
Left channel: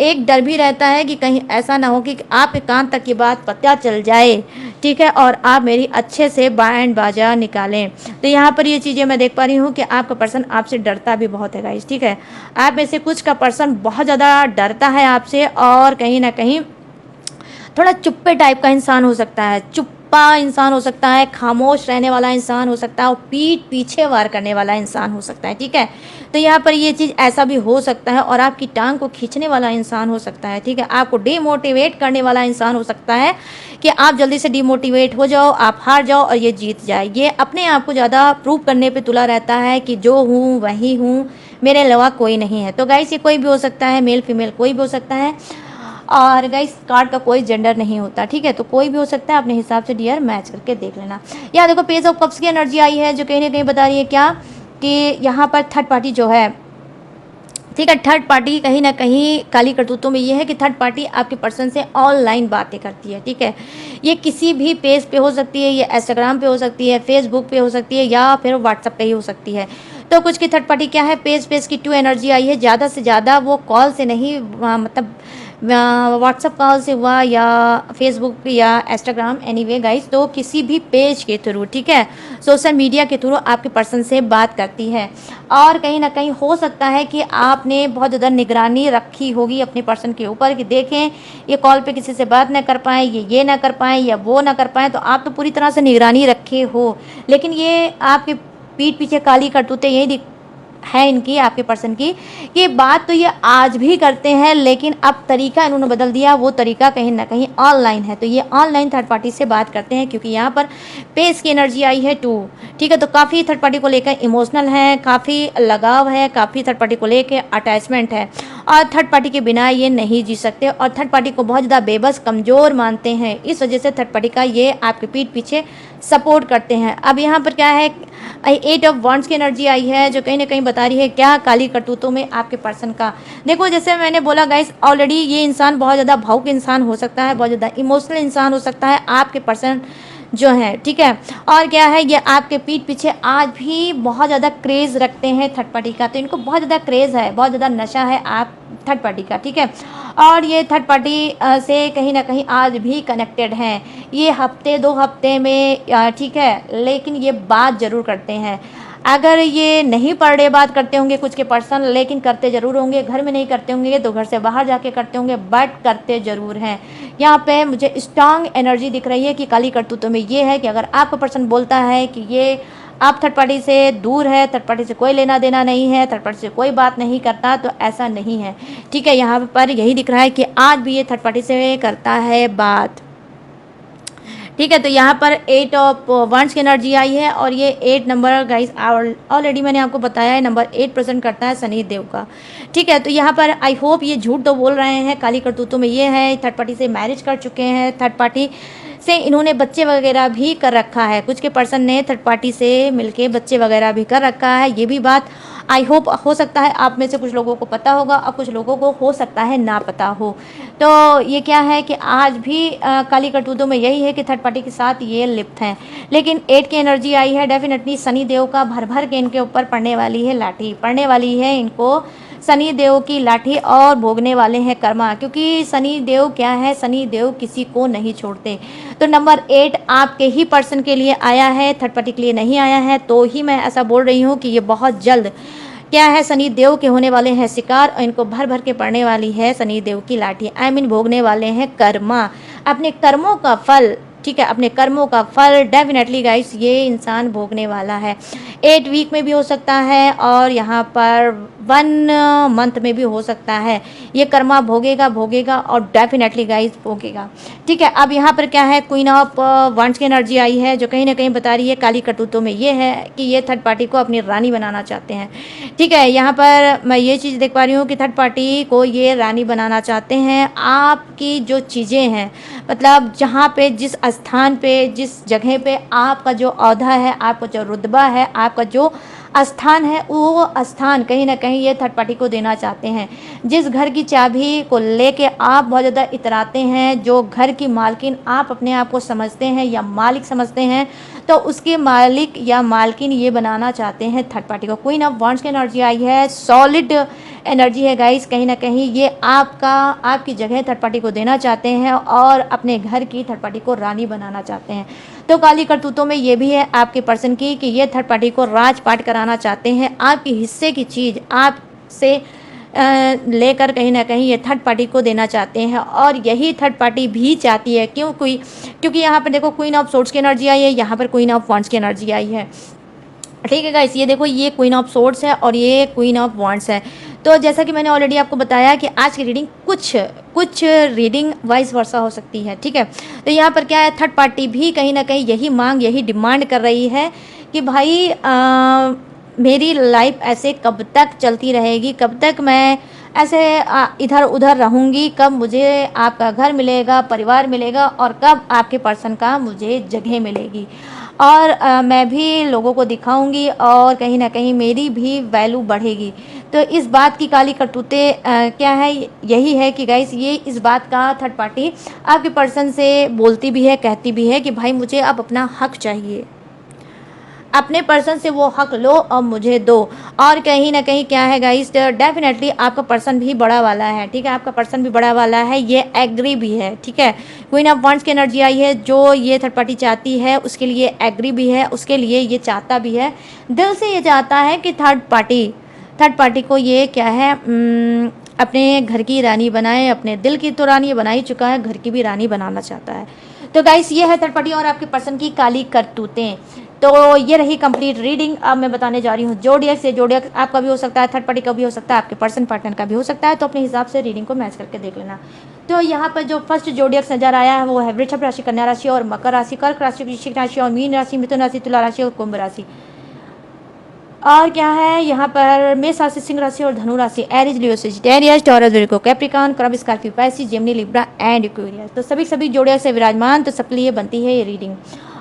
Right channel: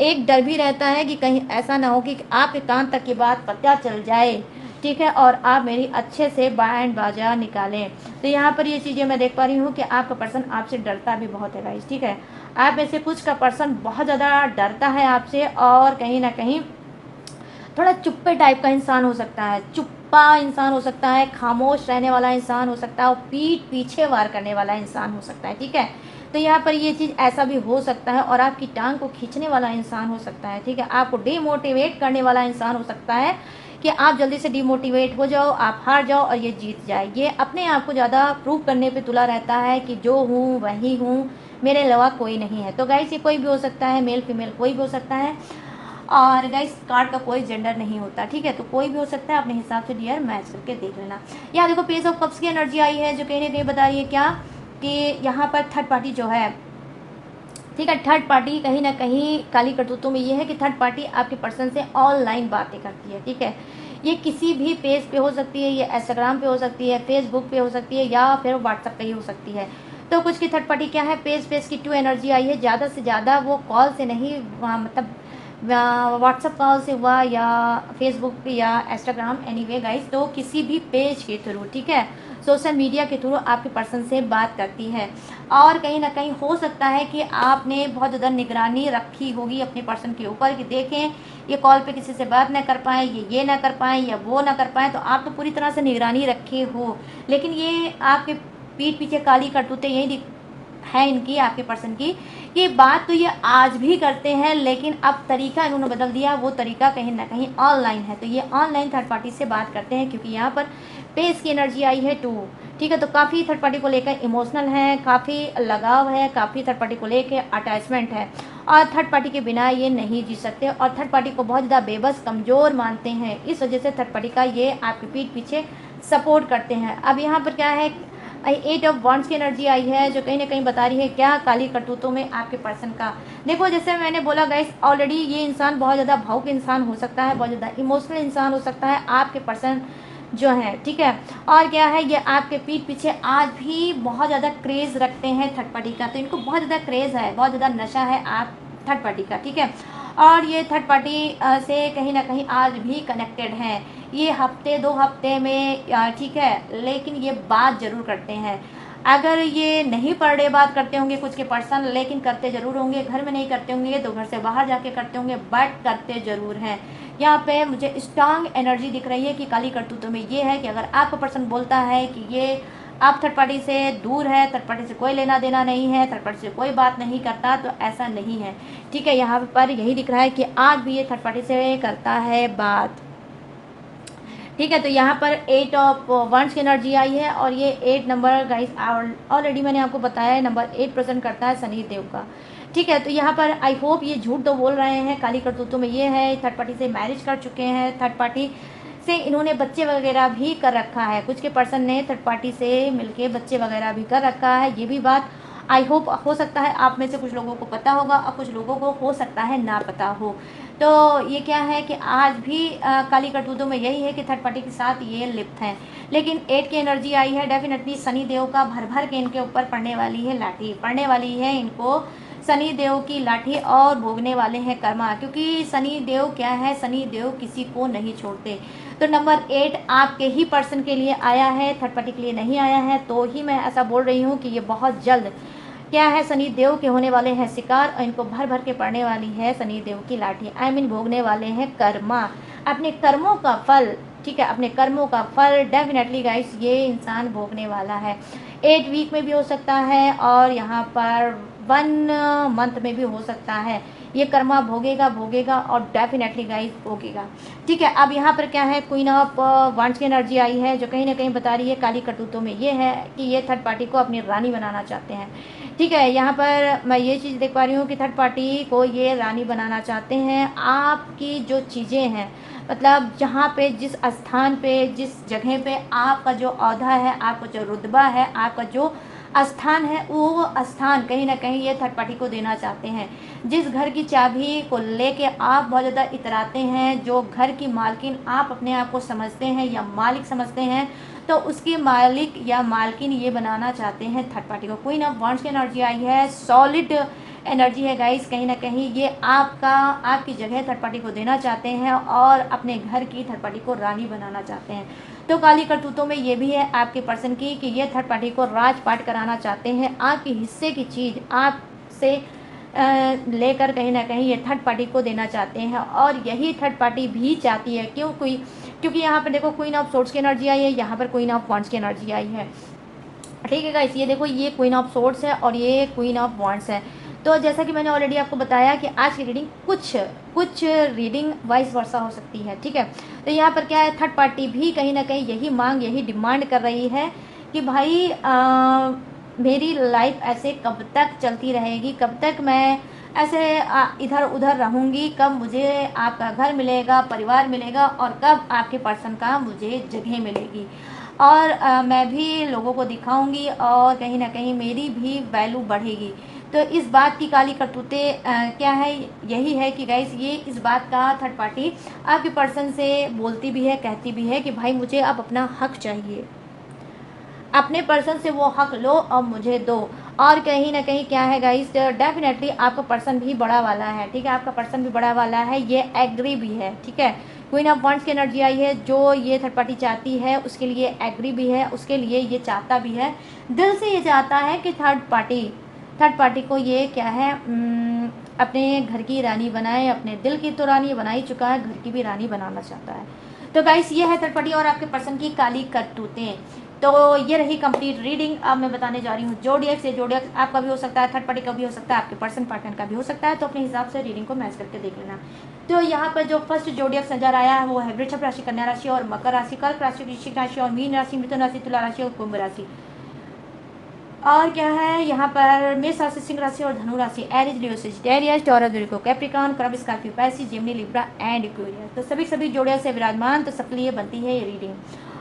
एक डर भी रहता है कि कहीं ऐसा ना हो कि आपके कान तक ये बात पता चल जाए, ठीक है, और आप मेरी अच्छे से बैंड बाजा निकालें। तो यहाँ पर ये चीज़ें मैं देख पा रही हूँ कि आपका पर्सन आपसे डरता भी बहुत है गाइस। ठीक है, आप में से कुछ का पर्सन बहुत ज़्यादा डरता है आपसे, और कहीं ना कहीं थोड़ा चुप्पे टाइप का इंसान हो सकता है, चुप्पा इंसान हो सकता है, खामोश रहने वाला इंसान हो सकता है, और पीठ पीछे वार करने वाला इंसान हो सकता है। ठीक है, तो यहाँ पर ये चीज़ ऐसा भी हो सकता है, और आपकी टांग को खींचने वाला इंसान हो सकता है। ठीक है, आपको डिमोटिवेट करने वाला इंसान हो सकता है कि आप जल्दी से डिमोटिवेट हो जाओ, आप हार जाओ और ये जीत जाए। ये अपने आप को ज़्यादा प्रूव करने पे तुला रहता है कि जो हूँ वही हूँ, मेरे अलावा कोई नहीं है। तो गाइस ये कोई भी हो सकता है, मेल फीमेल कोई भी हो सकता है, और गाइस कार्ड का कोई जेंडर नहीं होता। ठीक है, तो कोई भी हो सकता है, अपने हिसाब से डियर मैच करके देख लेना। यहाँ देखो पेज ऑफ कप्स की एनर्जी आई है, जो कहीं ना कहीं बता रही है क्या कि यहाँ पर थर्ड पार्टी जो है, ठीक है, थर्ड पार्टी कहीं ना कहीं काली करतूतों में ये है कि थर्ड पार्टी आपके पर्सन से ऑनलाइन बातें करती है। ठीक है, ये किसी भी पेज पे हो सकती है, ये इंस्टाग्राम पे हो सकती है, फेसबुक पे हो सकती है, या फिर व्हाट्सएप पे ही हो सकती है। तो कुछ की थर्ड पार्टी क्या है, पेज की टू एनर्जी आई है, ज़्यादा से ज़्यादा वो कॉल से नहीं, मतलब व्हाट्सअप कॉल से हुआ या फेसबुक या इंस्टाग्राम, एनीवे गाइस, तो किसी भी पेज के थ्रू, ठीक है, सोशल मीडिया के थ्रू आपके पर्सन से बात करती है। और कहीं ना कहीं हो सकता है कि आपने बहुत ज़्यादा निगरानी रखी होगी अपने पर्सन के ऊपर कि देखें ये कॉल पे किसी से बात ना कर पाएँ, ये ना कर पाएँ या वो ना कर पाएँ, तो आप तो पूरी तरह से निगरानी रखे हो, लेकिन ये आपके पीठ पीछे काली करतूतें यही है इनकी, आपके पर्सन की, कि बात तो ये आज भी करते हैं, लेकिन अब तरीका इन्होंने बदल दिया। वो तरीका कहीं ना कहीं ऑनलाइन है। तो ये ऑनलाइन थर्ड पार्टी से बात करते हैं, क्योंकि यहाँ पर पेस की एनर्जी आई है 2। ठीक है, तो काफ़ी थर्ड पार्टी को लेकर इमोशनल है, काफ़ी लगाव है, काफ़ी थर्ड पार्टी को लेकर अटैचमेंट है, और थर्ड पार्टी के बिना ये नहीं जी सकते, और थर्ड पार्टी को बहुत ज़्यादा बेबस, कमज़ोर मानते हैं। इस वजह से थर्ड पार्टी का ये आपके पीठ पीछे सपोर्ट करते हैं। अब यहाँ पर क्या है, 8 ऑफ वॉन्ड्स की एनर्जी आई है, जो कहीं ना कहीं बता रही है क्या काली करतूतों में आपके पर्सन का। देखो, जैसे मैंने बोला गाइस, ऑलरेडी ये इंसान बहुत ज़्यादा भावुक इंसान हो सकता है, बहुत ज़्यादा इमोशनल इंसान हो सकता है आपके पर्सन जो है। ठीक है, और क्या है, ये आपके पीठ पीछे आज भी बहुत ज़्यादा क्रेज़ रखते हैं थर्ड पार्टी का। तो इनको बहुत ज़्यादा क्रेज़ है, बहुत ज़्यादा नशा है आप थर्ड पार्टी का। ठीक है, और ये थर्ड पार्टी से कहीं ना कहीं आज भी कनेक्टेड हैं। ये हफ्ते 2 हफ्ते में ठीक है, लेकिन ये बात ज़रूर करते हैं। अगर ये नहीं पर डे बात करते होंगे कुछ के पर्सन, लेकिन करते ज़रूर होंगे। घर में नहीं करते होंगे तो घर से बाहर जाके करते होंगे, बट करते ज़रूर हैं। यहाँ पे मुझे स्ट्रांग एनर्जी दिख रही है कि काली करतूतों में ये है कि अगर आपका पर्सन बोलता है कि ये आप थर्ड पार्टी से दूर है, थर्ड पार्टी से कोई लेना देना नहीं है, थर्ड पार्टी से कोई बात नहीं करता, तो ऐसा नहीं है। ठीक है, यहाँ पर यही दिख रहा है कि आज भी ये थर्ड पार्टी से करता है बात। ठीक है, तो यहाँ पर 8 ऑफ वंस की एनर्जी आई है, और ये 8 नंबर गाइस ऑलरेडी मैंने आपको बताया है, नंबर 8 प्रेजेंट करता है शनि देव का। ठीक है, तो यहाँ पर आई होप ये झूठ तो बोल रहे हैं, काली करतूतों में ये है, थर्ड पार्टी से मैरिज कर चुके हैं, थर्ड पार्टी से इन्होंने बच्चे वगैरह भी कर रखा है। कुछ के पर्सन ने थर्ड पार्टी से मिलके बच्चे वगैरह भी कर रखा है। ये भी बात आई होप हो सकता है आप में से कुछ लोगों को पता होगा, और कुछ लोगों को हो सकता है ना पता हो। तो ये क्या है कि आज भी काली करतूतों में यही है कि थर्ड पार्टी के साथ ये लिप्त हैं। लेकिन 8 की एनर्जी आई है, डेफिनेटली शनि देव का भर भर के इनके ऊपर पड़ने वाली है लाठी, पड़ने वाली है इनको शनि देव की लाठी, और भोगने वाले हैं कर्मा। क्योंकि शनि देव क्या है, शनि देव किसी को नहीं छोड़ते। तो नंबर 8 आपके ही पर्सन के लिए आया है, थर्ड पार्टी के लिए नहीं आया है। तो ही मैं ऐसा बोल रही हूँ कि ये बहुत जल्द क्या है, शनि देव के होने वाले हैं शिकार, और इनको भर भर के पड़ने वाली है शनि देव की लाठी। आई मीन भोगने वाले हैं कर्मा, अपने कर्मों का फल। ठीक है, अपने कर्मों का फल डेफिनेटली गाइस ये इंसान भोगने वाला है। 8 वीक में भी हो सकता है, और यहाँ पर 1 मंथ में भी हो सकता है। ये कर्मा भोगेगा और डेफिनेटली गाइस भोगेगा। ठीक है, अब यहाँ पर क्या है, क्वीन ऑफ वंस की एनर्जी आई है, जो कहीं ना कहीं बता रही है काली करतूतों में ये है कि ये थर्ड पार्टी को अपनी रानी बनाना चाहते हैं। ठीक है, यहाँ पर मैं ये चीज़ देख पा रही हूँ कि थर्ड पार्टी को ये रानी बनाना चाहते हैं। आपकी जो चीज़ें हैं, मतलब जहाँ पे, जिस स्थान पे, जिस जगह पे आपका जो औहदा है, आपका जो रुतबा है, आपका जो स्थान है, वो स्थान कहीं ना कहीं ये थर्ड पार्टी को देना चाहते हैं। जिस घर की चाबी को लेके आप बहुत ज़्यादा इतराते हैं, जो घर की मालकिन आप अपने आप को समझते हैं या मालिक समझते हैं, तो उसके मालिक या मालकिन ये बनाना चाहते हैं थर्ड पार्टी को। क्वीन ऑफ वॉन्ड्स की एनर्जी आई है, सॉलिड एनर्जी है गाइस। कहीं ना कहीं ये आपकी जगह थर्ड पार्टी को देना चाहते हैं, और अपने घर की थर्ड पार्टी को रानी बनाना चाहते हैं। तो काली करतूतों में ये भी है आपके पर्सन की कि ये थर्ड पार्टी को राजपाट कराना चाहते हैं। आपकी हिस्से की चीज़ आपसे लेकर कहीं ना कहीं ये थर्ड पार्टी को देना चाहते हैं, और यही थर्ड पार्टी भी चाहती है। क्योंकि यहाँ पर देखो क्वीन ऑफ सोर्ड्स की एनर्जी आई है, यहाँ पर क्वीन ऑफ वॉन्ड्स की एनर्जी आई है। ठीक है गाइस, ये देखो, ये क्वीन ऑफ सोर्ड्स है और ये क्वीन ऑफ वॉन्ड्स है। तो जैसा कि मैंने ऑलरेडी आपको बताया कि आज की रीडिंग कुछ रीडिंग वाइस वर्सा हो सकती है। ठीक है, तो यहाँ पर क्या है, थर्ड पार्टी भी कहीं ना कहीं यही मांग, यही डिमांड कर रही है कि भाई मेरी लाइफ ऐसे कब तक चलती रहेगी, कब तक मैं ऐसे इधर उधर रहूँगी, कब मुझे आपका घर मिलेगा, परिवार मिलेगा, और कब आपके पर्सन का मुझे जगह मिलेगी, और मैं भी लोगों को दिखाऊंगी, और कहीं ना कहीं मेरी भी वैल्यू बढ़ेगी। तो इस बात की काली करतूतें क्या है, यही है कि गाइस ये इस बात का थर्ड पार्टी आपके पर्सन से बोलती भी है, कहती भी है कि भाई मुझे अब अपना हक चाहिए, अपने पर्सन से वो हक लो और मुझे दो। और कहीं ना कहीं क्या है गाइस, डेफिनेटली आपका पर्सन भी बड़ा वाला है। ठीक है, आपका पर्सन भी बड़ा वाला है, ये एग्री भी है। ठीक है, क्वीन ऑफ वॉन्ड्स की एनर्जी आई है, जो ये थर्ड पार्टी चाहती है उसके लिए एग्री भी है, उसके लिए ये चाहता भी है, दिल से ये चाहता है कि थर्ड पार्टी को ये क्या है, अपने घर की रानी बनाए। अपने दिल की तो रानी बना ही चुका है, घर की भी रानी बनाना चाहता है। तो गाइस ये है थर्ड पार्टी और आपके पर्सन की काली करतूतें। तो ये रही कंप्लीट रीडिंग। अब मैं बताने जा रही हूँ जोडियक्स। ये जोडियक्स आपका भी हो सकता है, थर्ड पार्टी का भी हो सकता है, आपके पर्सन पार्टनर का भी हो सकता है, तो अपने हिसाब से रीडिंग को मैच करके देख लेना। तो यहाँ पर जो फर्स्ट जोडियक्स नजर आया है वो है वृषभ राशि, कन्या राशि और मकर राशि, कर्क राशि, वृश्चिक राशि और मीन राशि, मिथुन राशि, तुला राशि और कुंभ राशि। और क्या है यहाँ पर मेष राशि, सिंह राशि और धनु राशि, Aries, Leo, Sagittarius, Taurus, Virgo, Capricorn, crab, Scorpio, Pisces, Gemini, Libra and Aquarius. तो सभी जोड़ियां से विराजमान, तो सबके लिए बनती है ये रीडिंग।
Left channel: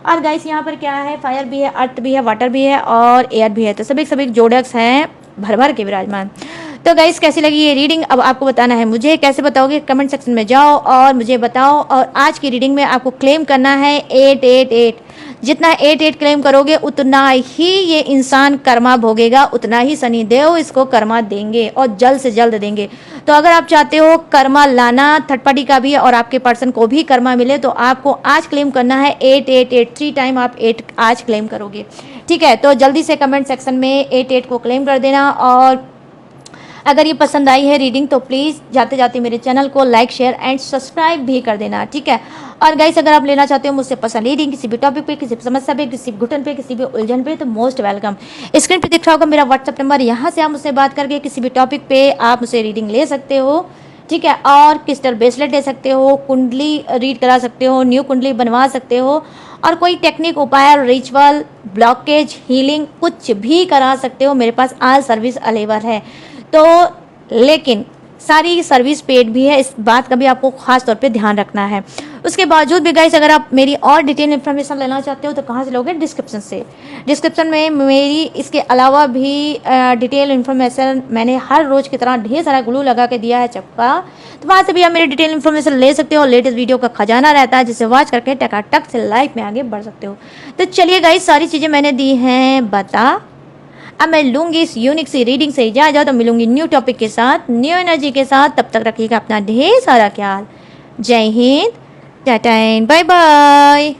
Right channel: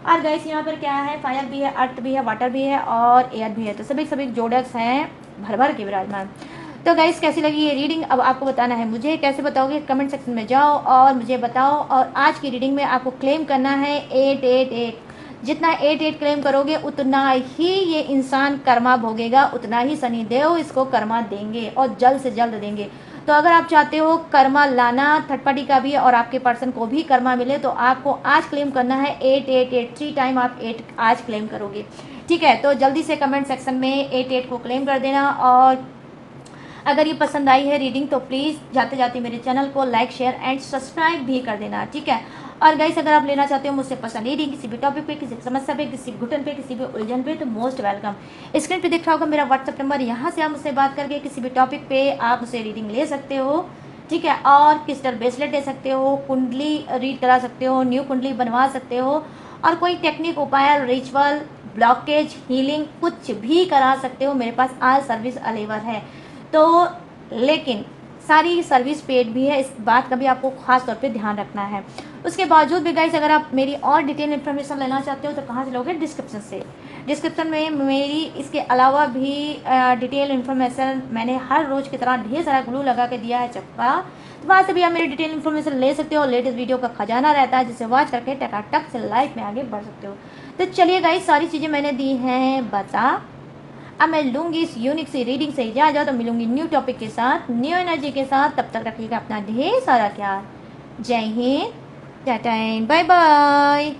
और गाइस यहाँ पर क्या है, फायर भी है, अर्थ भी है, वाटर भी है और एयर भी है, तो सभी जोड़ियक्स हैं भर भर के विराजमान। तो गाइस कैसी लगी ये रीडिंग अब आपको बताना है मुझे। कैसे बताओगे, कमेंट सेक्शन में जाओ और मुझे बताओ। और आज की रीडिंग में आपको क्लेम करना है 888। जितना 88 क्लेम करोगे उतना ही ये इंसान कर्मा भोगेगा, उतना ही शनि देव इसको कर्मा देंगे और जल्द से जल्द देंगे। तो अगर आप चाहते हो कर्मा लाना, थर्ड पार्टी का भी और आपके पर्सन को भी कर्मा मिले, तो आपको आज क्लेम करना है 888। 3 टाइम आप 8 आज क्लेम करोगे, ठीक है। तो जल्दी से कमेंट सेक्शन में 88 को क्लेम कर देना। और अगर ये पसंद आई है रीडिंग तो प्लीज़ जाते जाते मेरे चैनल को लाइक, शेयर एंड सब्सक्राइब भी कर देना, ठीक है। और गाइस अगर आप लेना चाहते हो मुझसे पसंद रीडिंग किसी भी टॉपिक पे, किसी भी समस्या पे, किसी भी घुटन पे, किसी भी उलझन पे, तो मोस्ट वेलकम। स्क्रीन पे दिख रहा होगा मेरा व्हाट्सअप नंबर, यहाँ से आप मुझसे बात करके किसी भी टॉपिक पे आप मुझसे रीडिंग ले सकते हो, ठीक है। और क्रिस्टल ब्रेसलेट ले सकते हो, कुंडली रीड करा सकते हो, न्यू कुंडली बनवा सकते हो, और कोई टेक्निक, उपाय, रिचुअल, ब्लॉकेज, हीलिंग कुछ भी करा सकते हो। मेरे पास आज सर्विस अवेलेबल है। तो लेकिन सारी सर्विस पेड भी है, इस बात का भी आपको खास तौर पे ध्यान रखना है। उसके बावजूद भी गाइस अगर आप मेरी और डिटेल इन्फॉर्मेशन लेना चाहते हो तो कहाँ से लोगे, डिस्क्रिप्शन से। डिस्क्रिप्शन में मेरी इसके अलावा भी डिटेल इन्फॉर्मेशन मैंने हर रोज़ की तरह ढेर सारा ग्लू लगा के दिया है चपका, तो वहाँ से भी आप मेरी डिटेल इन्फॉर्मेशन ले सकते हो। लेटेस्ट वीडियो का खजाना रहता है जिसे वॉच करके टकाटक से लाइफ में आगे बढ़ सकते हो। तो चलिए गाइस सारी चीज़ें मैंने दी हैं बता। अब मैं लूंगी इस यूनिक सी रीडिंग से इजाजत, तो मिलूंगी न्यू टॉपिक के साथ, न्यू एनर्जी के साथ। तब तक रखिएगा अपना ढेर सारा ख्याल। जय Hind, tata and bye bye.